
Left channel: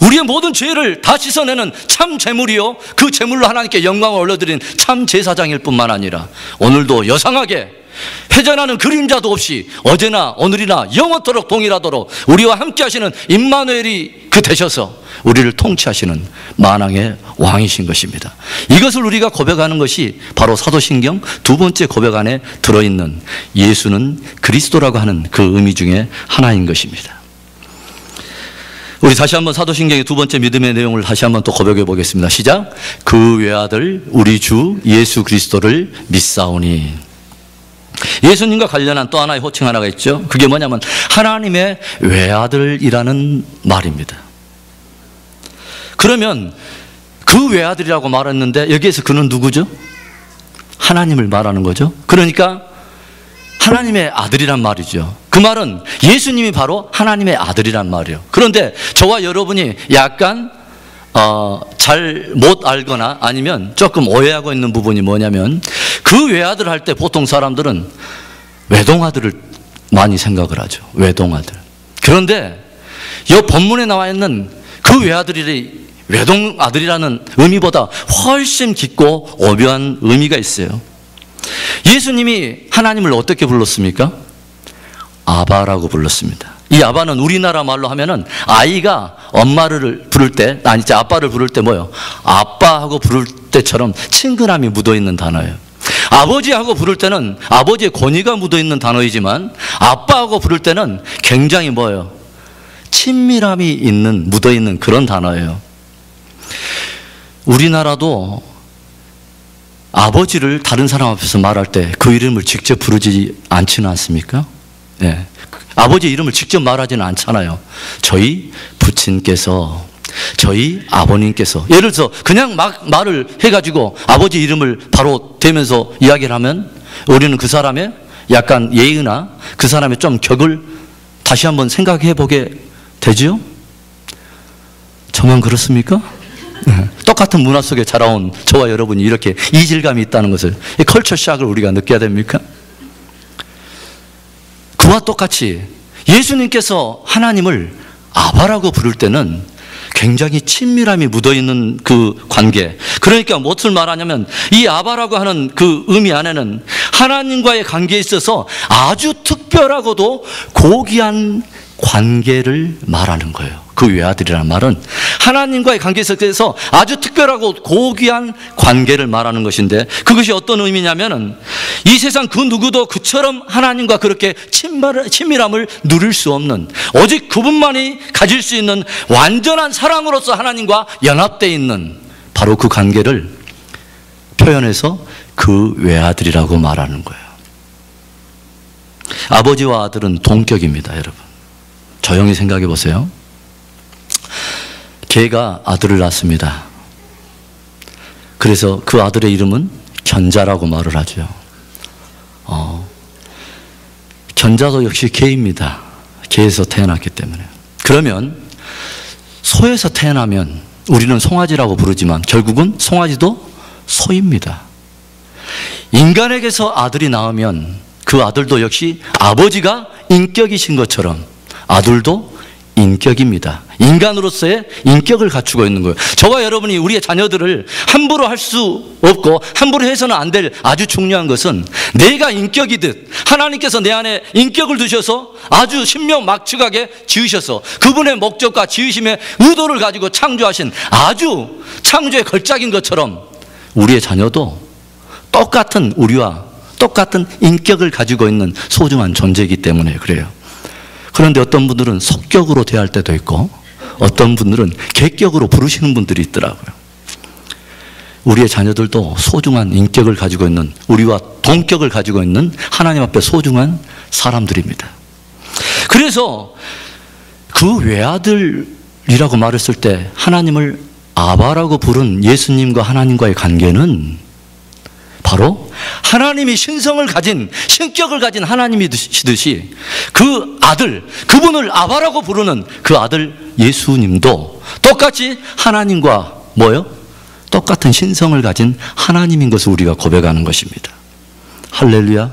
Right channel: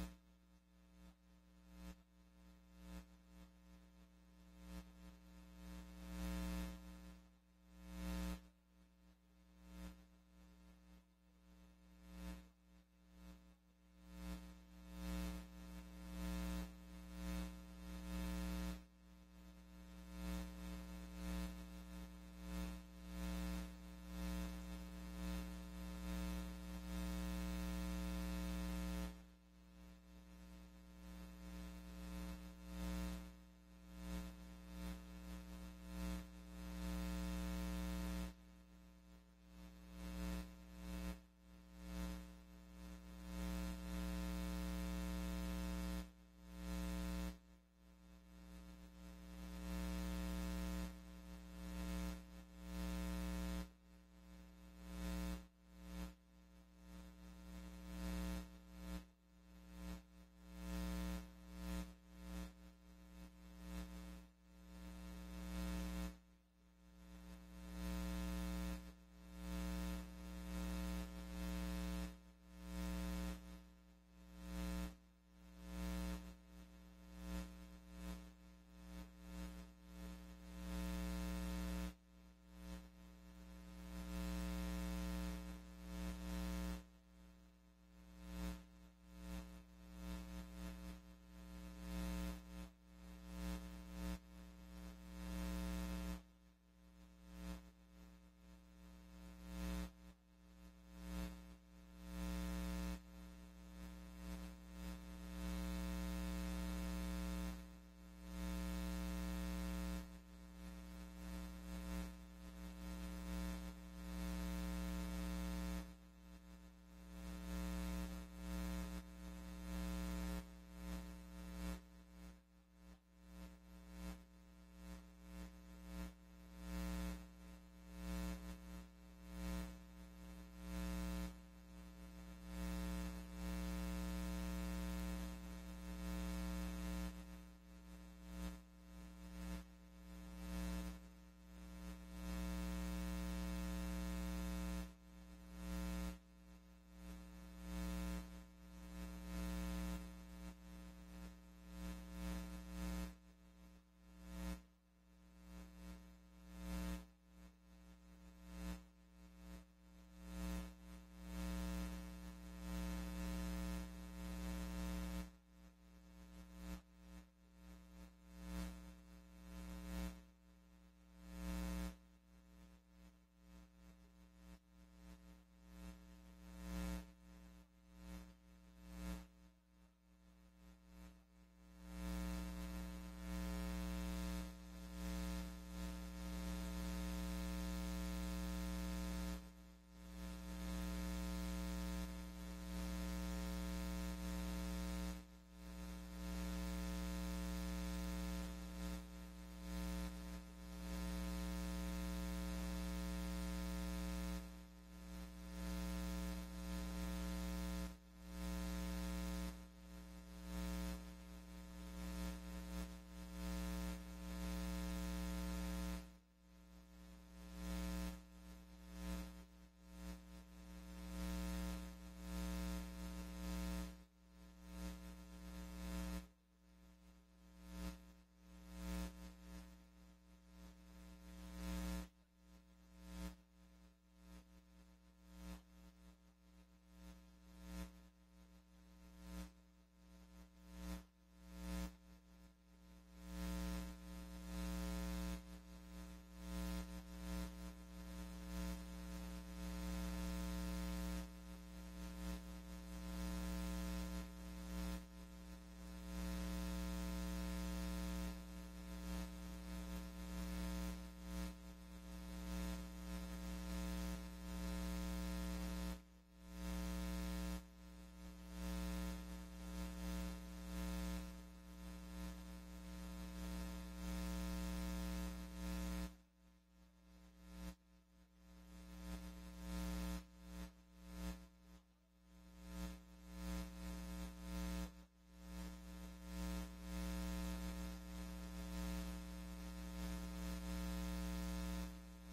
우리의 모든 죄를 다 씻어내는 참 제물이요, 그 제물로 하나님께 영광을 올려드린 참 제사장일 뿐만 아니라 오늘도 여상하게 회전하는 그림자도 없이 어제나 오늘이나 영원토록 동일하도록 우리와 함께 하시는 임마누엘이 그 되셔서 우리를 통치하시는 만왕의 왕이신 것입니다. 이것을 우리가 고백하는 것이 바로 사도신경 두 번째 고백 안에 들어있는 예수는 그리스도라고 하는 그 의미 중에 하나인 것입니다. 우리 다시 한번 사도신경의 두 번째 믿음의 내용을 다시 한번 또 고백해 보겠습니다. 시작. 그 외아들 우리 주 예수 그리스도를 믿사오니. 예수님과 관련한 또 하나의 호칭 하나가 있죠. 그게 뭐냐면 하나님의 외아들이라는 말입니다. 그러면 그 외아들이라고 말했는데 여기에서 그는 누구죠? 하나님을 말하는 거죠. 그러니까 하나님의 아들이란 말이죠. 그 말은 예수님이 바로 하나님의 아들이란 말이에요. 그런데 저와 여러분이 약간 잘 못 알거나 아니면 조금 오해하고 있는 부분이 뭐냐면 그 외아들 할 때 보통 사람들은 외동아들을 많이 생각을 하죠. 외동아들. 그런데 이 본문에 나와 있는 그 외아들이 외동아들이라는 의미보다 훨씬 깊고 오묘한 의미가 있어요. 예수님이 하나님을 어떻게 불렀습니까? 아바라고 불렀습니다. 이 아바는 우리나라 말로 하면은 아이가 엄마를 부를 때, 아니 이제 아빠를 부를 때 뭐요? 아빠하고 부를 때처럼 친근함이 묻어있는 단어예요. 아버지하고 부를 때는 아버지의 권위가 묻어있는 단어이지만 아빠하고 부를 때는 굉장히 뭐예요? 친밀함이 묻어있는 그런 단어예요. 우리나라도 아버지를 다른 사람 앞에서 말할 때 그 이름을 직접 부르지 않지는 않습니까? 네. 아버지 이름을 직접 말하지는 않잖아요. 저희 부친께서, 저희 아버님께서, 예를 들어서 그냥 막 말을 해가지고 아버지 이름을 바로 대면서 이야기를 하면 우리는 그 사람의 약간 예의나 그 사람의 좀 격을 다시 한번 생각해 보게 되죠? 저만 그렇습니까? 똑같은 문화 속에 자라온 저와 여러분이 이렇게 이질감이 있다는 것을, 이 컬처 샥을 우리가 느껴야 됩니까? 그와 똑같이 예수님께서 하나님을 아바라고 부를 때는 굉장히 친밀함이 묻어있는 그 관계, 그러니까 무엇을 말하냐면 이 아바라고 하는 그 의미 안에는 하나님과의 관계에 있어서 아주 특별하고도 고귀한 관계를 말하는 거예요. 그 외아들이라는 말은 하나님과의 관계에 있어서 아주 특별하고 고귀한 관계를 말하는 것인데, 그것이 어떤 의미냐면은 이 세상 그 누구도 그처럼 하나님과 그렇게 친밀함을 누릴 수 없는, 오직 그분만이 가질 수 있는 완전한 사랑으로서 하나님과 연합되어 있는 바로 그 관계를 표현해서 그 외아들이라고 말하는 거예요. 아버지와 아들은 동격입니다, 여러분. 조용히 생각해 보세요. 개가 아들을 낳습니다. 그래서 그 아들의 이름은 견자라고 말을 하죠. 견자도 역시 개입니다. 개에서 태어났기 때문에. 그러면 소에서 태어나면 우리는 송아지라고 부르지만 결국은 송아지도 소입니다. 인간에게서 아들이 나오면 그 아들도 역시 아버지가 인격이신 것처럼 아들도 인격입니다. 인간으로서의 인격을 갖추고 있는 거예요. 저와 여러분이 우리의 자녀들을 함부로 할 수 없고 함부로 해서는 안 될 아주 중요한 것은, 내가 인격이듯 하나님께서 내 안에 인격을 두셔서 아주 신명막측하게 지으셔서 그분의 목적과 지으심의 의도를 가지고 창조하신 아주 창조의 걸작인 것처럼 우리의 자녀도 똑같은 우리와 똑같은 인격을 가지고 있는 소중한 존재이기 때문에 그래요. 그런데 어떤 분들은 속격으로 대할 때도 있고 어떤 분들은 객격으로 부르시는 분들이 있더라고요. 우리의 자녀들도 소중한 인격을 가지고 있는, 우리와 동격을 가지고 있는 하나님 앞에 소중한 사람들입니다. 그래서 그 외아들이라고 말했을 때 하나님을 아바라고 부른 예수님과 하나님과의 관계는 바로 하나님이 신성을 가진, 신격을 가진 하나님이시듯이 그 아들, 그분을 아바라고 부르는 그 아들 예수님도 똑같이 하나님과 뭐요? 똑같은 신성을 가진 하나님인 것을 우리가 고백하는 것입니다. 할렐루야.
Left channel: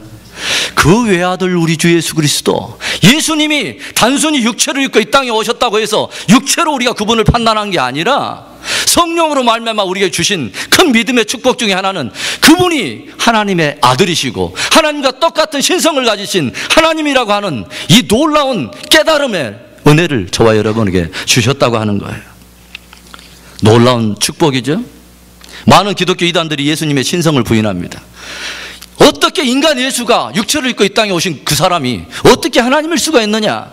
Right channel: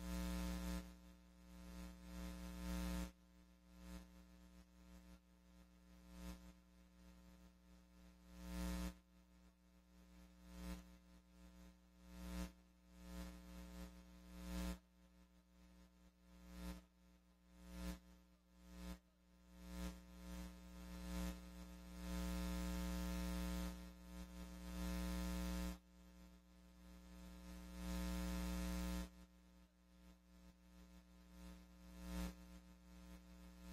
그 외아들 우리 주 예수 그리스도, 예수님이 단순히 육체를 입고 이 땅에 오셨다고 해서 육체로 우리가 그분을 판단한 게 아니라 성령으로 말미암아 우리에게 주신 큰 믿음의 축복 중에 하나는 그분이 하나님의 아들이시고 하나님과 똑같은 신성을 가지신 하나님이라고 하는 이 놀라운 깨달음의 은혜를 저와 여러분에게 주셨다고 하는 거예요. 놀라운 축복이죠. 많은 기독교 이단들이 예수님의 신성을 부인합니다. 어떻게 인간 예수가 육체를 입고 이 땅에 오신 그 사람이 어떻게 하나님일 수가 있느냐.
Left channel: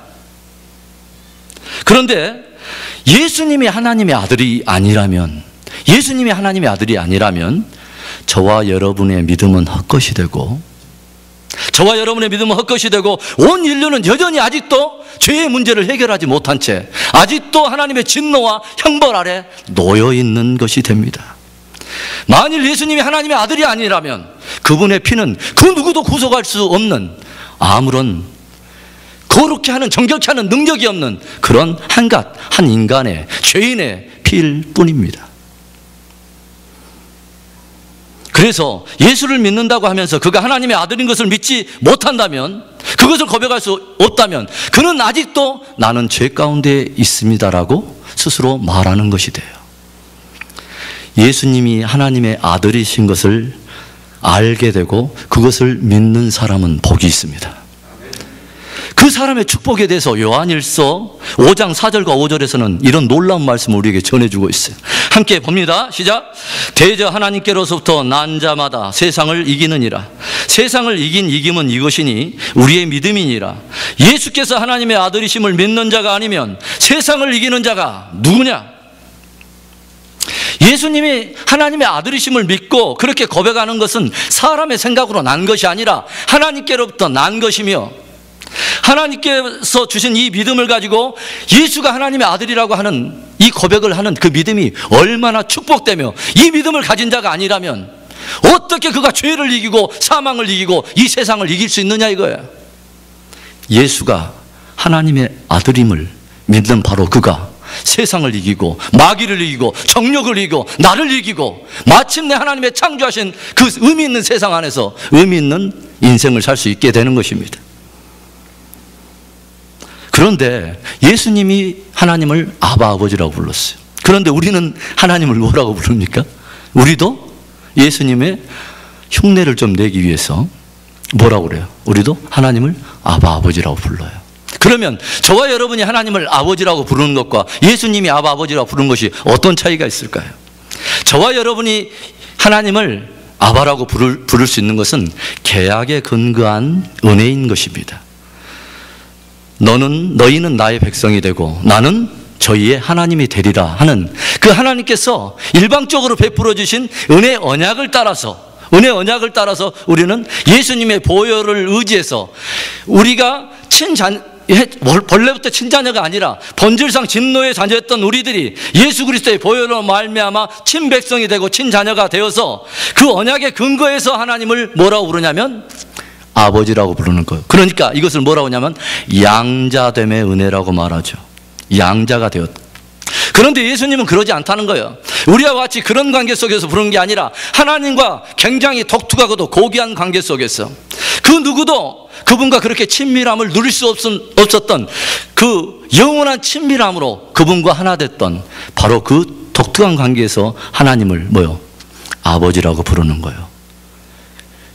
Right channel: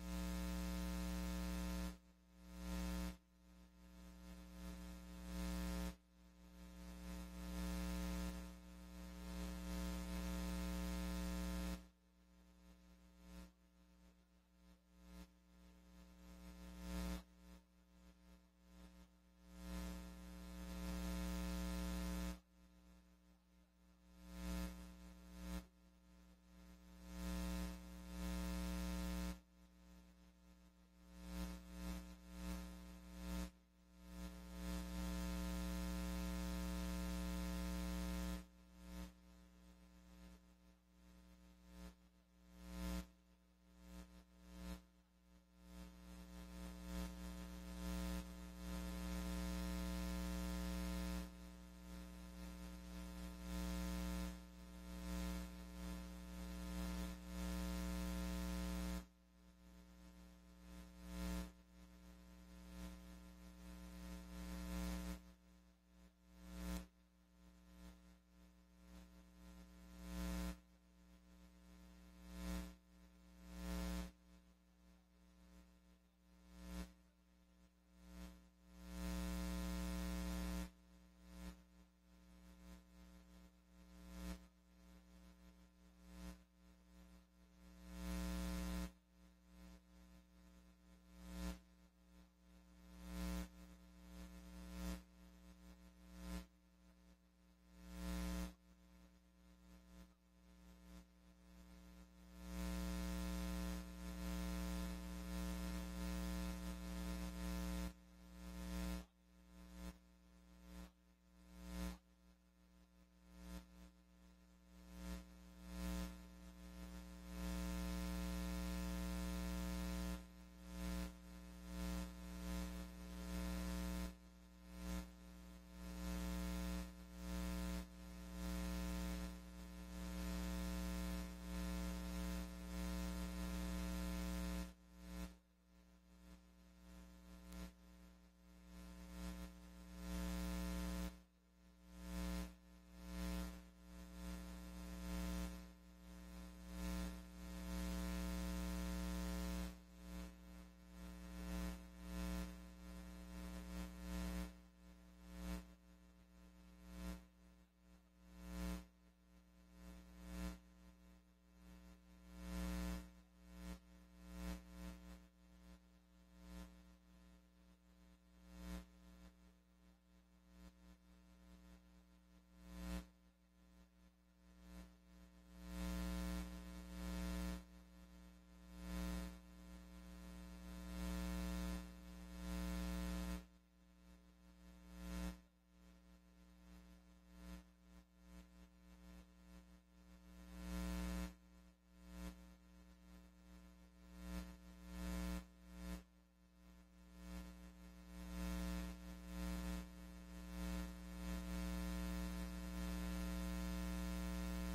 그런데 예수님이 하나님의 아들이 아니라면, 예수님이 하나님의 아들이 아니라면 저와 여러분의 믿음은 헛것이 되고, 저와 여러분의 믿음은 헛것이 되고 온 인류는 여전히 아직도 죄의 문제를 해결하지 못한 채 아직도 하나님의 진노와 형벌 아래 놓여 있는 것이 됩니다. 만일 예수님이 하나님의 아들이 아니라면 그분의 피는 그 누구도 구속할 수 없는, 아무런 거룩히 하는, 정결케 하는 능력이 없는 그런 한 인간의, 죄인의 피일 뿐입니다. 그래서 예수를 믿는다고 하면서 그가 하나님의 아들인 것을 믿지 못한다면, 그것을 고백할 수 없다면 그는 아직도 나는 죄 가운데 있습니다라고 스스로 말하는 것이 돼요. 예수님이 하나님의 아들이신 것을 알게 되고 그것을 믿는 사람은 복이 있습니다. 그 사람의 축복에 대해서 요한일서 5장 4절과 5절에서는 이런 놀라운 말씀을 우리에게 전해주고 있어요. 함께 봅니다. 시작. 대저 하나님께로부터 난 자마다 세상을 이기느니라. 세상을 이긴 이김은 이것이니 우리의 믿음이니라. 예수께서 하나님의 아들이심을 믿는 자가 아니면 세상을 이기는 자가 누구냐? 예수님이 하나님의 아들이심을 믿고 그렇게 고백하는 것은 사람의 생각으로 난 것이 아니라 하나님께로부터 난 것이며, 하나님께서 주신 이 믿음을 가지고 예수가 하나님의 아들이라고 하는 이 고백을 하는 그 믿음이 얼마나 축복되며, 이 믿음을 가진 자가 아니라면 어떻게 그가 죄를 이기고 사망을 이기고 이 세상을 이길 수 있느냐 이거야. 예수가 하나님의 아들임을 믿는 바로 그가 세상을 이기고 마귀를 이기고 정욕을 이기고 나를 이기고 마침내 하나님의 창조하신 그 의미 있는 세상 안에서 의미 있는 인생을 살 수 있게 되는 것입니다. 그런데 예수님이 하나님을 아바 아버지라고 불렀어요. 그런데 우리는 하나님을 뭐라고 부릅니까? 우리도 예수님의 흉내를 좀 내기 위해서 뭐라고 그래요? 우리도 하나님을 아바 아버지라고 불러요. 그러면 저와 여러분이 하나님을 아버지라고 부르는 것과 예수님이 아바 아버지라고 부르는 것이 어떤 차이가 있을까요? 저와 여러분이 하나님을 아바라고 부를 수 있는 것은 계약에 근거한 은혜인 것입니다. 너희는 나의 백성이 되고 나는 저희의 하나님이 되리라 하는 그 하나님께서 일방적으로 베풀어 주신 은혜 언약을 따라서 우리는 예수님의 보혈을 의지해서 우리가 본래부터 친자녀가 아니라 본질상 진노의 자녀였던 우리들이 예수 그리스도의 보혈로 말미암아 친백성이 되고 친자녀가 되어서 그 언약의 근거에서 하나님을 뭐라고 부르냐면 아버지라고 부르는 거예요. 그러니까 이것을 뭐라고 하냐면 양자됨의 은혜라고 말하죠. 양자가 되었다. 그런데 예수님은 그러지 않다는 거예요. 우리와 같이 그런 관계 속에서 부르는 게 아니라 하나님과 굉장히 독특하고도 고귀한 관계 속에서 그 누구도 그분과 그렇게 친밀함을 누릴 수 없었던 그 영원한 친밀함으로 그분과 하나 됐던 바로 그 독특한 관계에서 하나님을 아버지라고 부르는 거예요.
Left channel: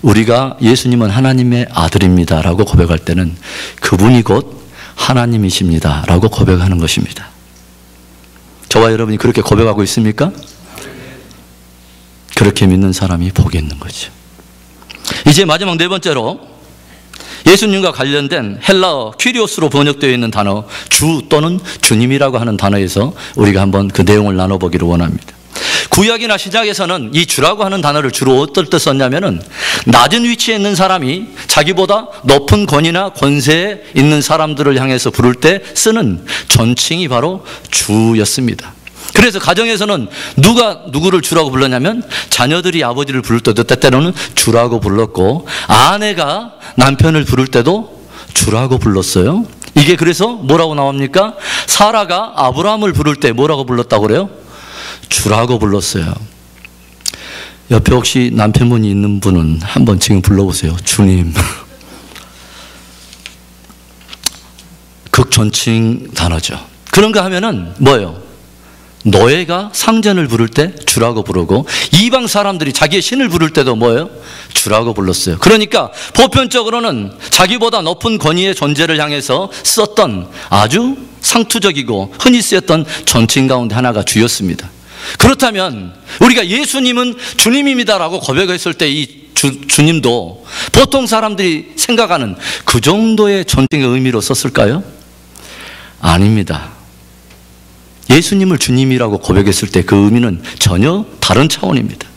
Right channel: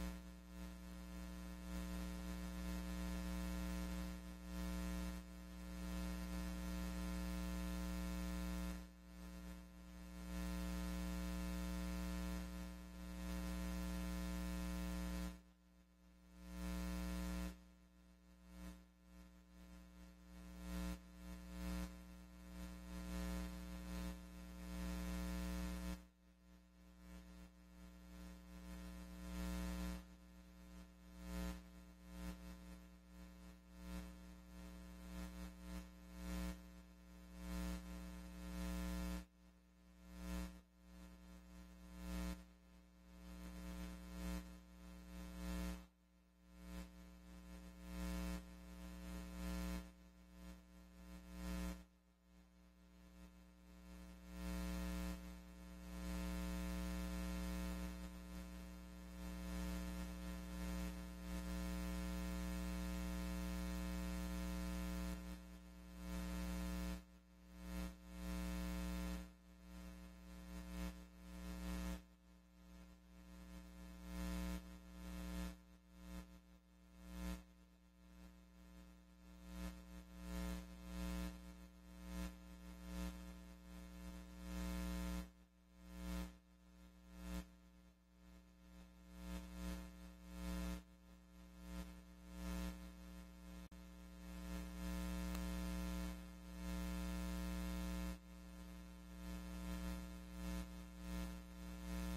우리가 예수님은 하나님의 아들입니다 라고 고백할 때는 그분이 곧 하나님이십니다 라고 고백하는 것입니다. 저와 여러분이 그렇게 고백하고 있습니까? 그렇게 믿는 사람이 복이 있는 거죠. 이제 마지막 네 번째로 예수님과 관련된 헬라어 퀴리오스로 번역되어 있는 단어 주 또는 주님이라고 하는 단어에서 우리가 한번 그 내용을 나눠보기를 원합니다. 구약이나 신약에서는 이 주라고 하는 단어를 주로 어떨 때 썼냐면은 낮은 위치에 있는 사람이 자기보다 높은 권위나 권세에 있는 사람들을 향해서 부를 때 쓰는 존칭이 바로 주였습니다. 그래서 가정에서는 누가 누구를 주라고 불렀냐면 자녀들이 아버지를 부를 때도 때때로는 주라고 불렀고 아내가 남편을 부를 때도 주라고 불렀어요. 이게 그래서 뭐라고 나옵니까? 사라가 아브라함을 부를 때 뭐라고 불렀다고 그래요? 주라고 불렀어요. 옆에 혹시 남편분이 있는 분은 한번 지금 불러보세요. 주님. 극존칭 단어죠. 그런가 하면은 뭐예요? 노예가 상전을 부를 때 주라고 부르고 이방 사람들이 자기의 신을 부를 때도 뭐예요? 주라고 불렀어요. 그러니까 보편적으로는 자기보다 높은 권위의 존재를 향해서 썼던 아주 상투적이고 흔히 쓰였던 존칭 가운데 하나가 주였습니다. 그렇다면 우리가 예수님은 주님입니다라고 고백했을 때 이 주님도 보통 사람들이 생각하는 그 정도의 존칭의 의미로 썼을까요? 아닙니다. 예수님을 주님이라고 고백했을 때 그 의미는 전혀 다른 차원입니다.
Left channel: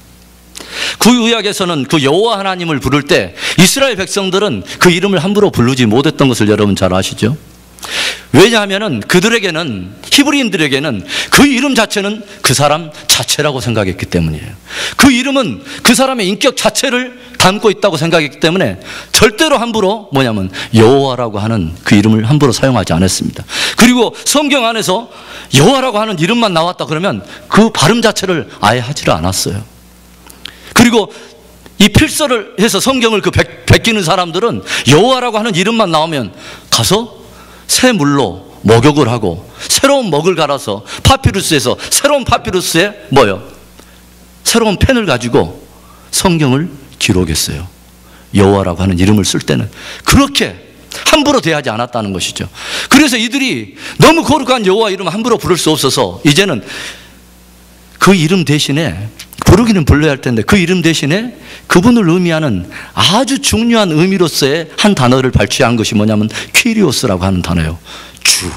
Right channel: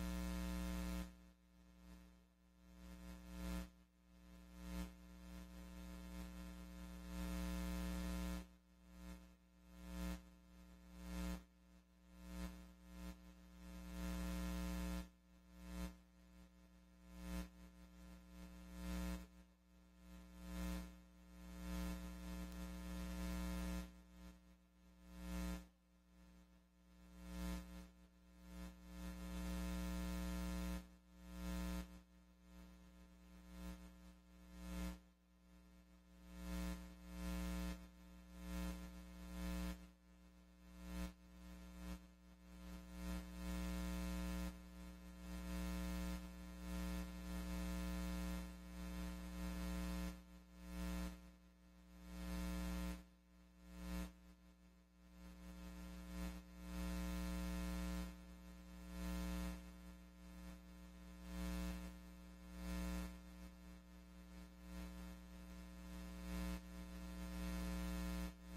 구약에서는 그 여호와 하나님을 부를 때 이스라엘 백성들은 그 이름을 함부로 부르지 못했던 것을 여러분 잘 아시죠? 왜냐하면 그들에게는, 히브리인들에게는 그 이름 자체는 그 사람 자체라고 생각했기 때문이에요. 그 이름은 그 사람의 인격 자체를 담고 있다고 생각했기 때문에 절대로 함부로 여호와라고 하는 그 이름을 함부로 사용하지 않았습니다. 그리고 성경 안에서 여호와라고 하는 이름만 나왔다 그러면 그 발음 자체를 아예 하지를 않았어요. 그리고 이 필서를 해서 성경을 베끼는 사람들은 여호와라고 하는 이름만 나오면 가서 새 물로 목욕을 하고 새로운 먹을 갈아서 파피루스에서 새로운 파피루스에 새로운 펜을 가지고 성경을 기록했어요. 여호와라고 하는 이름을 쓸 때는 그렇게 함부로 대하지 않았다는 것이죠. 그래서 이들이 너무 거룩한 여호와 이름 함부로 부를 수 없어서 이제는 그 이름 대신에, 부르기는 불러야 할 텐데 그 이름 대신에 그분을 의미하는 아주 중요한 의미로서의 한 단어를 발췌한 것이 뭐냐면 퀴리오스라고 하는 단어예요. 주.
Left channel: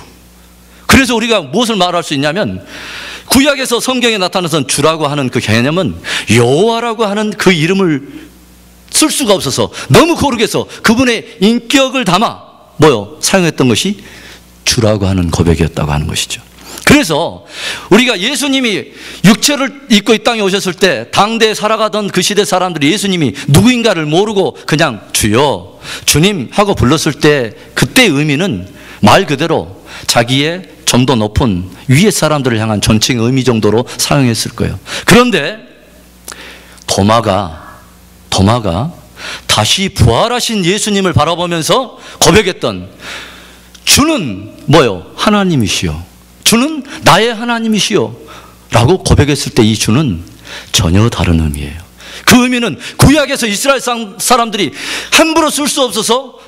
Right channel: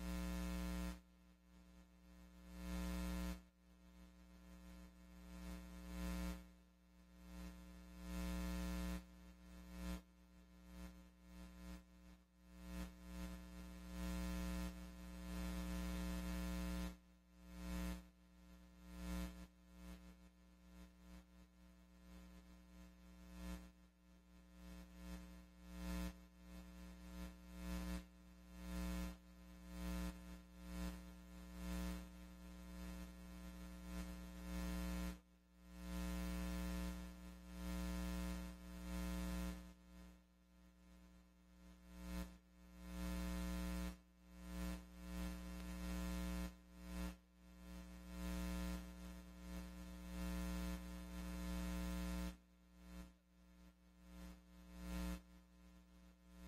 그래서 우리가 무엇을 말할 수 있냐면 구약에서 성경에 나타나선 주라고 하는 그 개념은 여호와라고 하는 그 이름을 쓸 수가 없어서 너무 거룩해서 그분의 인격을 담아 사용했던 것이 주라고 하는 고백이었다고 하는 것이죠. 그래서 우리가 예수님이 육체를 입고 이 땅에 오셨을 때 당대에 살아가던 그 시대 사람들이 예수님이 누구인가를 모르고 그냥 주여, 주님 하고 불렀을 때 그때의 의미는 말 그대로 자기의 좀 더 높은 위의 사람들을 향한 존칭 의미 정도로 사용했을 거예요. 그런데 도마가 다시 부활하신 예수님을 바라보면서 고백했던 주는 하나님이시여, 주는 나의 하나님이시여 라고 고백했을 때 이 주는 전혀 다른 의미예요. 그 의미는 구약에서 이스라엘 사람들이 함부로 쓸 수 없어서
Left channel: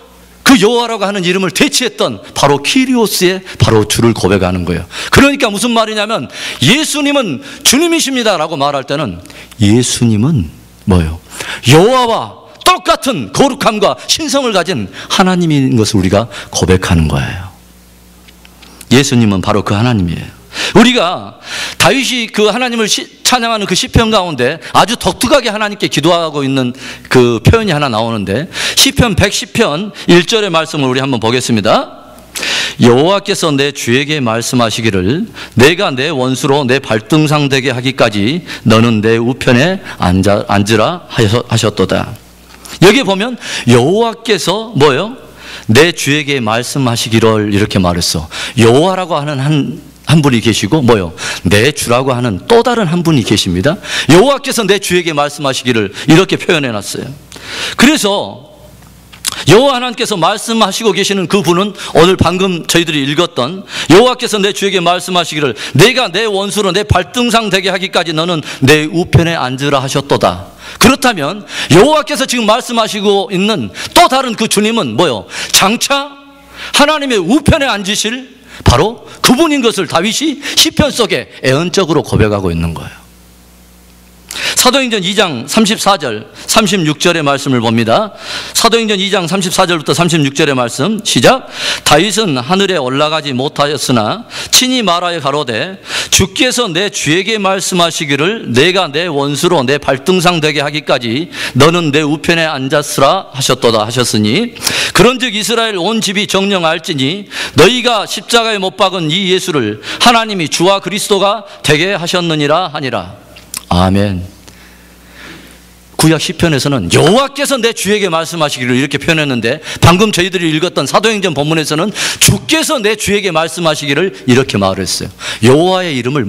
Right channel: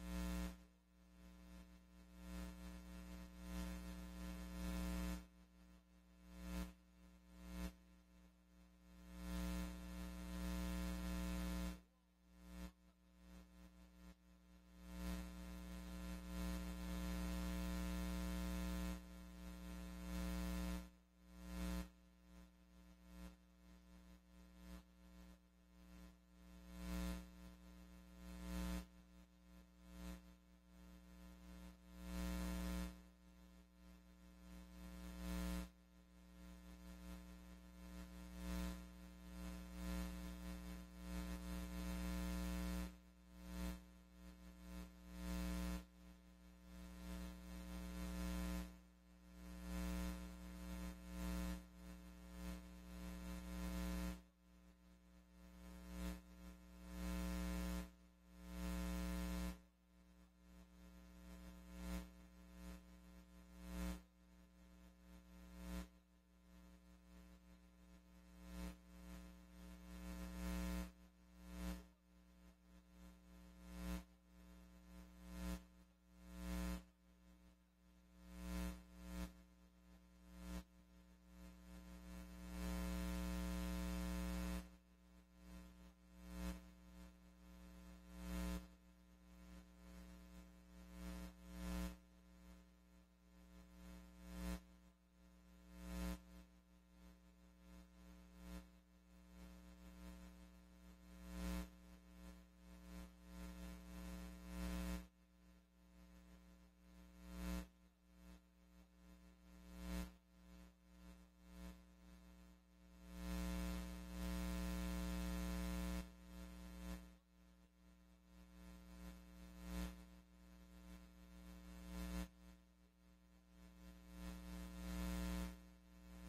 그 여호와라고 하는 이름을 대체했던 바로 키리오스의 바로 주를 고백하는 거예요. 그러니까 무슨 말이냐면 예수님은 주님이십니다 라고 말할 때는 예수님은 여호와와 똑같은 거룩함과 신성을 가진 하나님인 것을 우리가 고백하는 거예요. 예수님은 바로 그 하나님이에요. 우리가 다윗이 그 하나님을 찬양하는 그 시편 가운데 아주 독특하게 하나님께 기도하고 있는 그 표현이 하나 나오는데 시편 110편 1절의 말씀을 우리 한번 보겠습니다. 여호와께서 내 주에게 말씀하시기를 내가 내 원수로 내 발등상 되게 하기까지 너는 내 우편에 앉으라 하셨도다. 여기 보면 여호와께서 내 주에게 말씀하시기를 이렇게 말했어. 여호와라고 하는 한 분이 계시고 내 주라고 하는 또 다른 한 분이 계십니다. 여호와께서 내 주에게 말씀하시기를 이렇게 표현해 놨어요. 그래서 여호와 하나님께서 말씀하시고 계시는 그 분은 오늘 방금 저희들이 읽었던 여호와께서 내 주에게 말씀하시기를 내가 내 원수로 내 발등상 되게 하기까지 너는 내 우편에 앉으라 하셨도다. 그렇다면 여호와께서 지금 말씀하시고 있는 또 다른 그 주님은 장차 하나님의 우편에 앉으실 바로 그분인 것을 다윗이 시편 속에 애언적으로 고백하고 있는 거예요. 사도행전 2장 34절 36절의 말씀을 봅니다. 사도행전 2장 34절부터 36절의 말씀 시작. 다윗은 하늘에 올라가지 못하였으나 친히 말하여 가로되 주께서 내 주에게 말씀하시기를 내가 내 원수로 내 발등상 되게 하기까지 너는 내 우편에 앉았으라 하셨도다 하셨으니 그런즉 이스라엘 온 집이 정령 알지니 너희가 십자가에 못 박은 이 예수를 하나님이 주와 그리스도가 되게 하셨느니라 하니라. 아멘. 구약 시편에서는 여호와께서 내 주에게 말씀하시기를 이렇게 표현했는데 방금 저희들이 읽었던 사도행전 본문에서는 주께서 내 주에게 말씀하시기를 이렇게 말했어요. 여호와의 이름을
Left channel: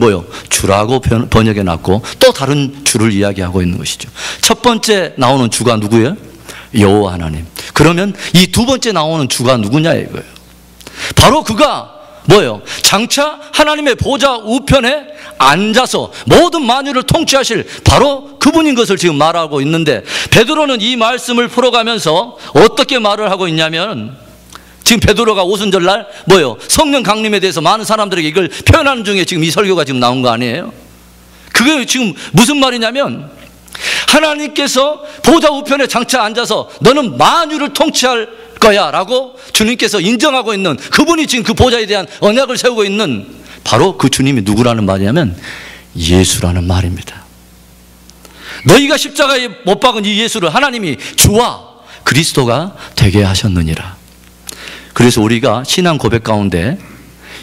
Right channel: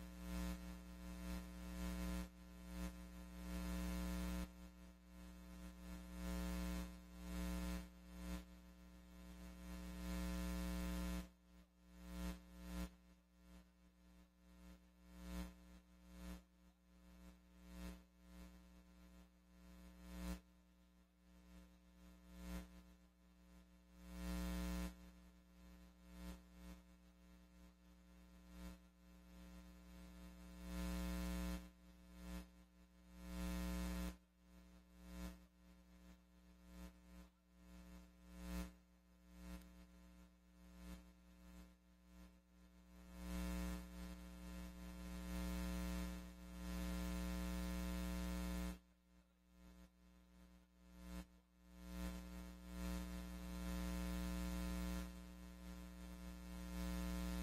주라고 번역해 놨고 또 다른 주를 이야기하고 있는 것이죠. 첫 번째 나오는 주가 누구예요? 여호와 하나님. 그러면 이 두 번째 나오는 주가 누구냐 이거예요. 바로 그가 장차 하나님의 보좌 우편에 앉아서 모든 만유를 통치하실 바로 그분인 것을 지금 말하고 있는데 베드로는 이 말씀을 풀어가면서 어떻게 말을 하고 있냐면 지금 베드로가 오순절날 성령 강림에 대해서 많은 사람들에게 이걸 표현하는 중에 지금 이 설교가 지금 나온 거 아니에요? 그게 지금 무슨 말이냐면 하나님께서 보좌 우편에 장차 앉아서 너는 만유를 통치할 거야 라고 주님께서 인정하고 있는 그분이 지금 그 보좌에 대한 언약을 세우고 있는 바로 그 주님이 누구라는 말이냐면 예수라는 말입니다. 너희가 십자가에 못 박은 이 예수를 하나님이 주와 그리스도가 되게 하셨느니라. 그래서 우리가 신앙 고백 가운데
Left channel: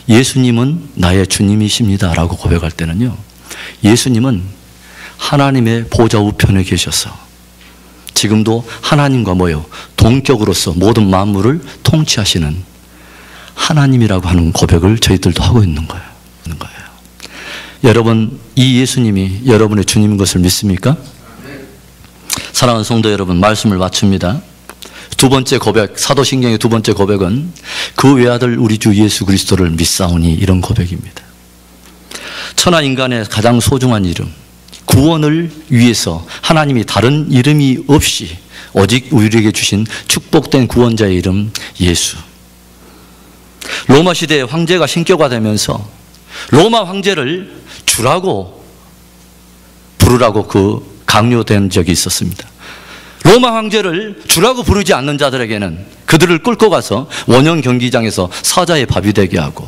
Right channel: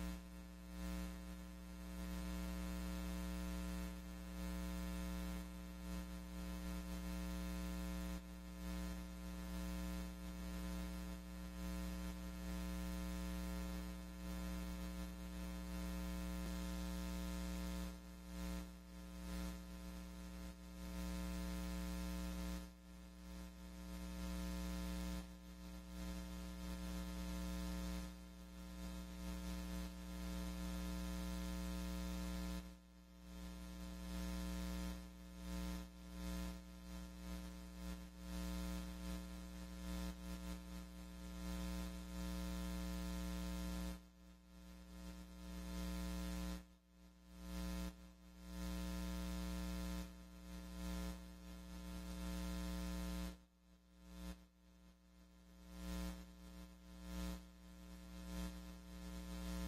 예수님은 나의 주님이십니다 라고 고백할 때는요, 예수님은 하나님의 보좌 우편에 계셔서 지금도 하나님과 동격으로서 모든 만물을 통치하시는 하나님이라고 하는 고백을 저희들도 하고 있는 거예요. 여러분, 이 예수님이 여러분의 주님인 것을 믿습니까? 사랑하는 성도 여러분, 말씀을 마칩니다. 두 번째 고백, 사도신경의 두 번째 고백은 그 외아들 우리 주 예수 그리스도를 믿사오니 이런 고백입니다. 천하 인간의 가장 소중한 이름, 구원을 위해서 하나님이 다른 이름이 없이 오직 우리에게 주신 축복된 구원자의 이름 예수. 로마 시대에 황제가 신격화 되면서 로마 황제를 주라고 부르라고 강요된 적이 있었습니다. 로마 황제를 주라고 부르지 않는 자들에게는 그들을 끌고 가서 원형 경기장에서 사자의 밥이 되게 하고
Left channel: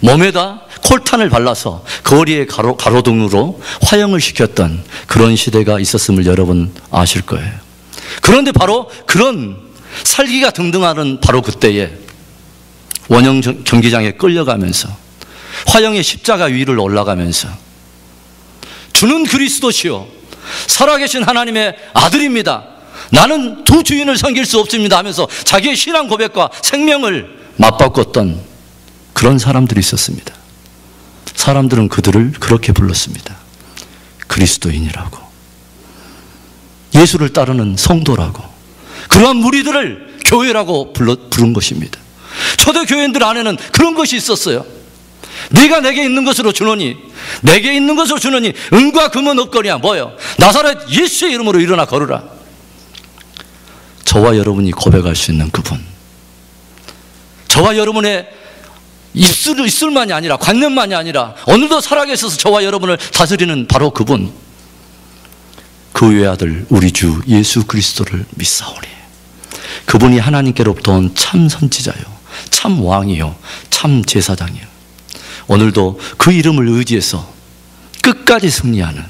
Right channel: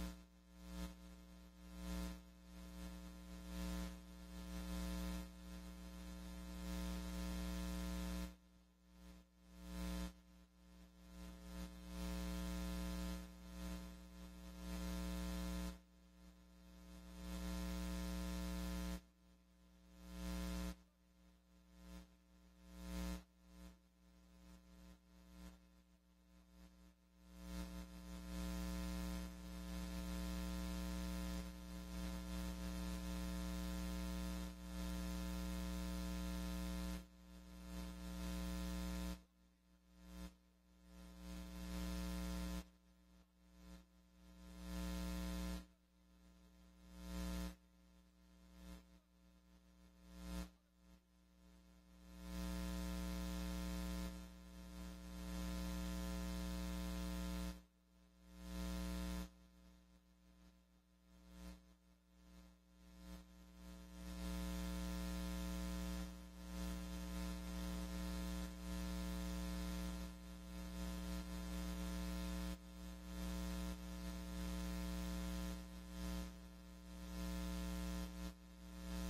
몸에다 콜탄을 발라서 거리의 가로등으로 화형을 시켰던 그런 시대가 있었음을 여러분 아실 거예요. 그런데 바로 그런 살기가 등등하는 바로 그때에 원형 경기장에 끌려가면서 화형의 십자가 위를 올라가면서 주는 그리스도시요 살아계신 하나님의 아들입니다. 나는 두 주인을 섬길 수 없습니다 하면서 자기의 신앙 고백과 생명을 맞바꿨던 그런 사람들이 있었습니다. 사람들은 그들을 그렇게 불렀습니다. 그리스도인이라고, 예수를 따르는 성도라고, 그러한 무리들을 교회라고 부른 것입니다. 초대교회인들 안에는 그런 것이 있었어요. 네가 내게 있는 것으로 주노니, 내게 있는 것으로 주노니 은과 금은 없거니와 뭐요? 나사렛 예수의 이름으로 일어나 걸으라. 저와 여러분이 고백할 수 있는 그분, 저와 여러분의 입술만이 아니라 관념만이 아니라 오늘도 살아계셔서 저와 여러분을 다스리는 바로 그분, 그 외아들 우리 주 예수 그리스도를 믿사오니 그분이 하나님께로부터 온 참 선지자요 참 왕이요 참 제사장이요. 오늘도 그 이름을 의지해서 끝까지 승리하는,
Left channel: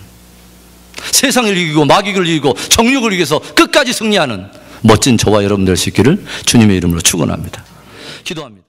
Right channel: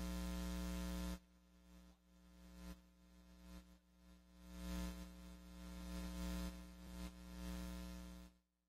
세상을 이기고 마귀를 이기고 정욕을 이겨서 끝까지 승리하는 멋진 저와 여러분 될 수 있기를 주님의 이름으로 축원합니다. 기도합니다.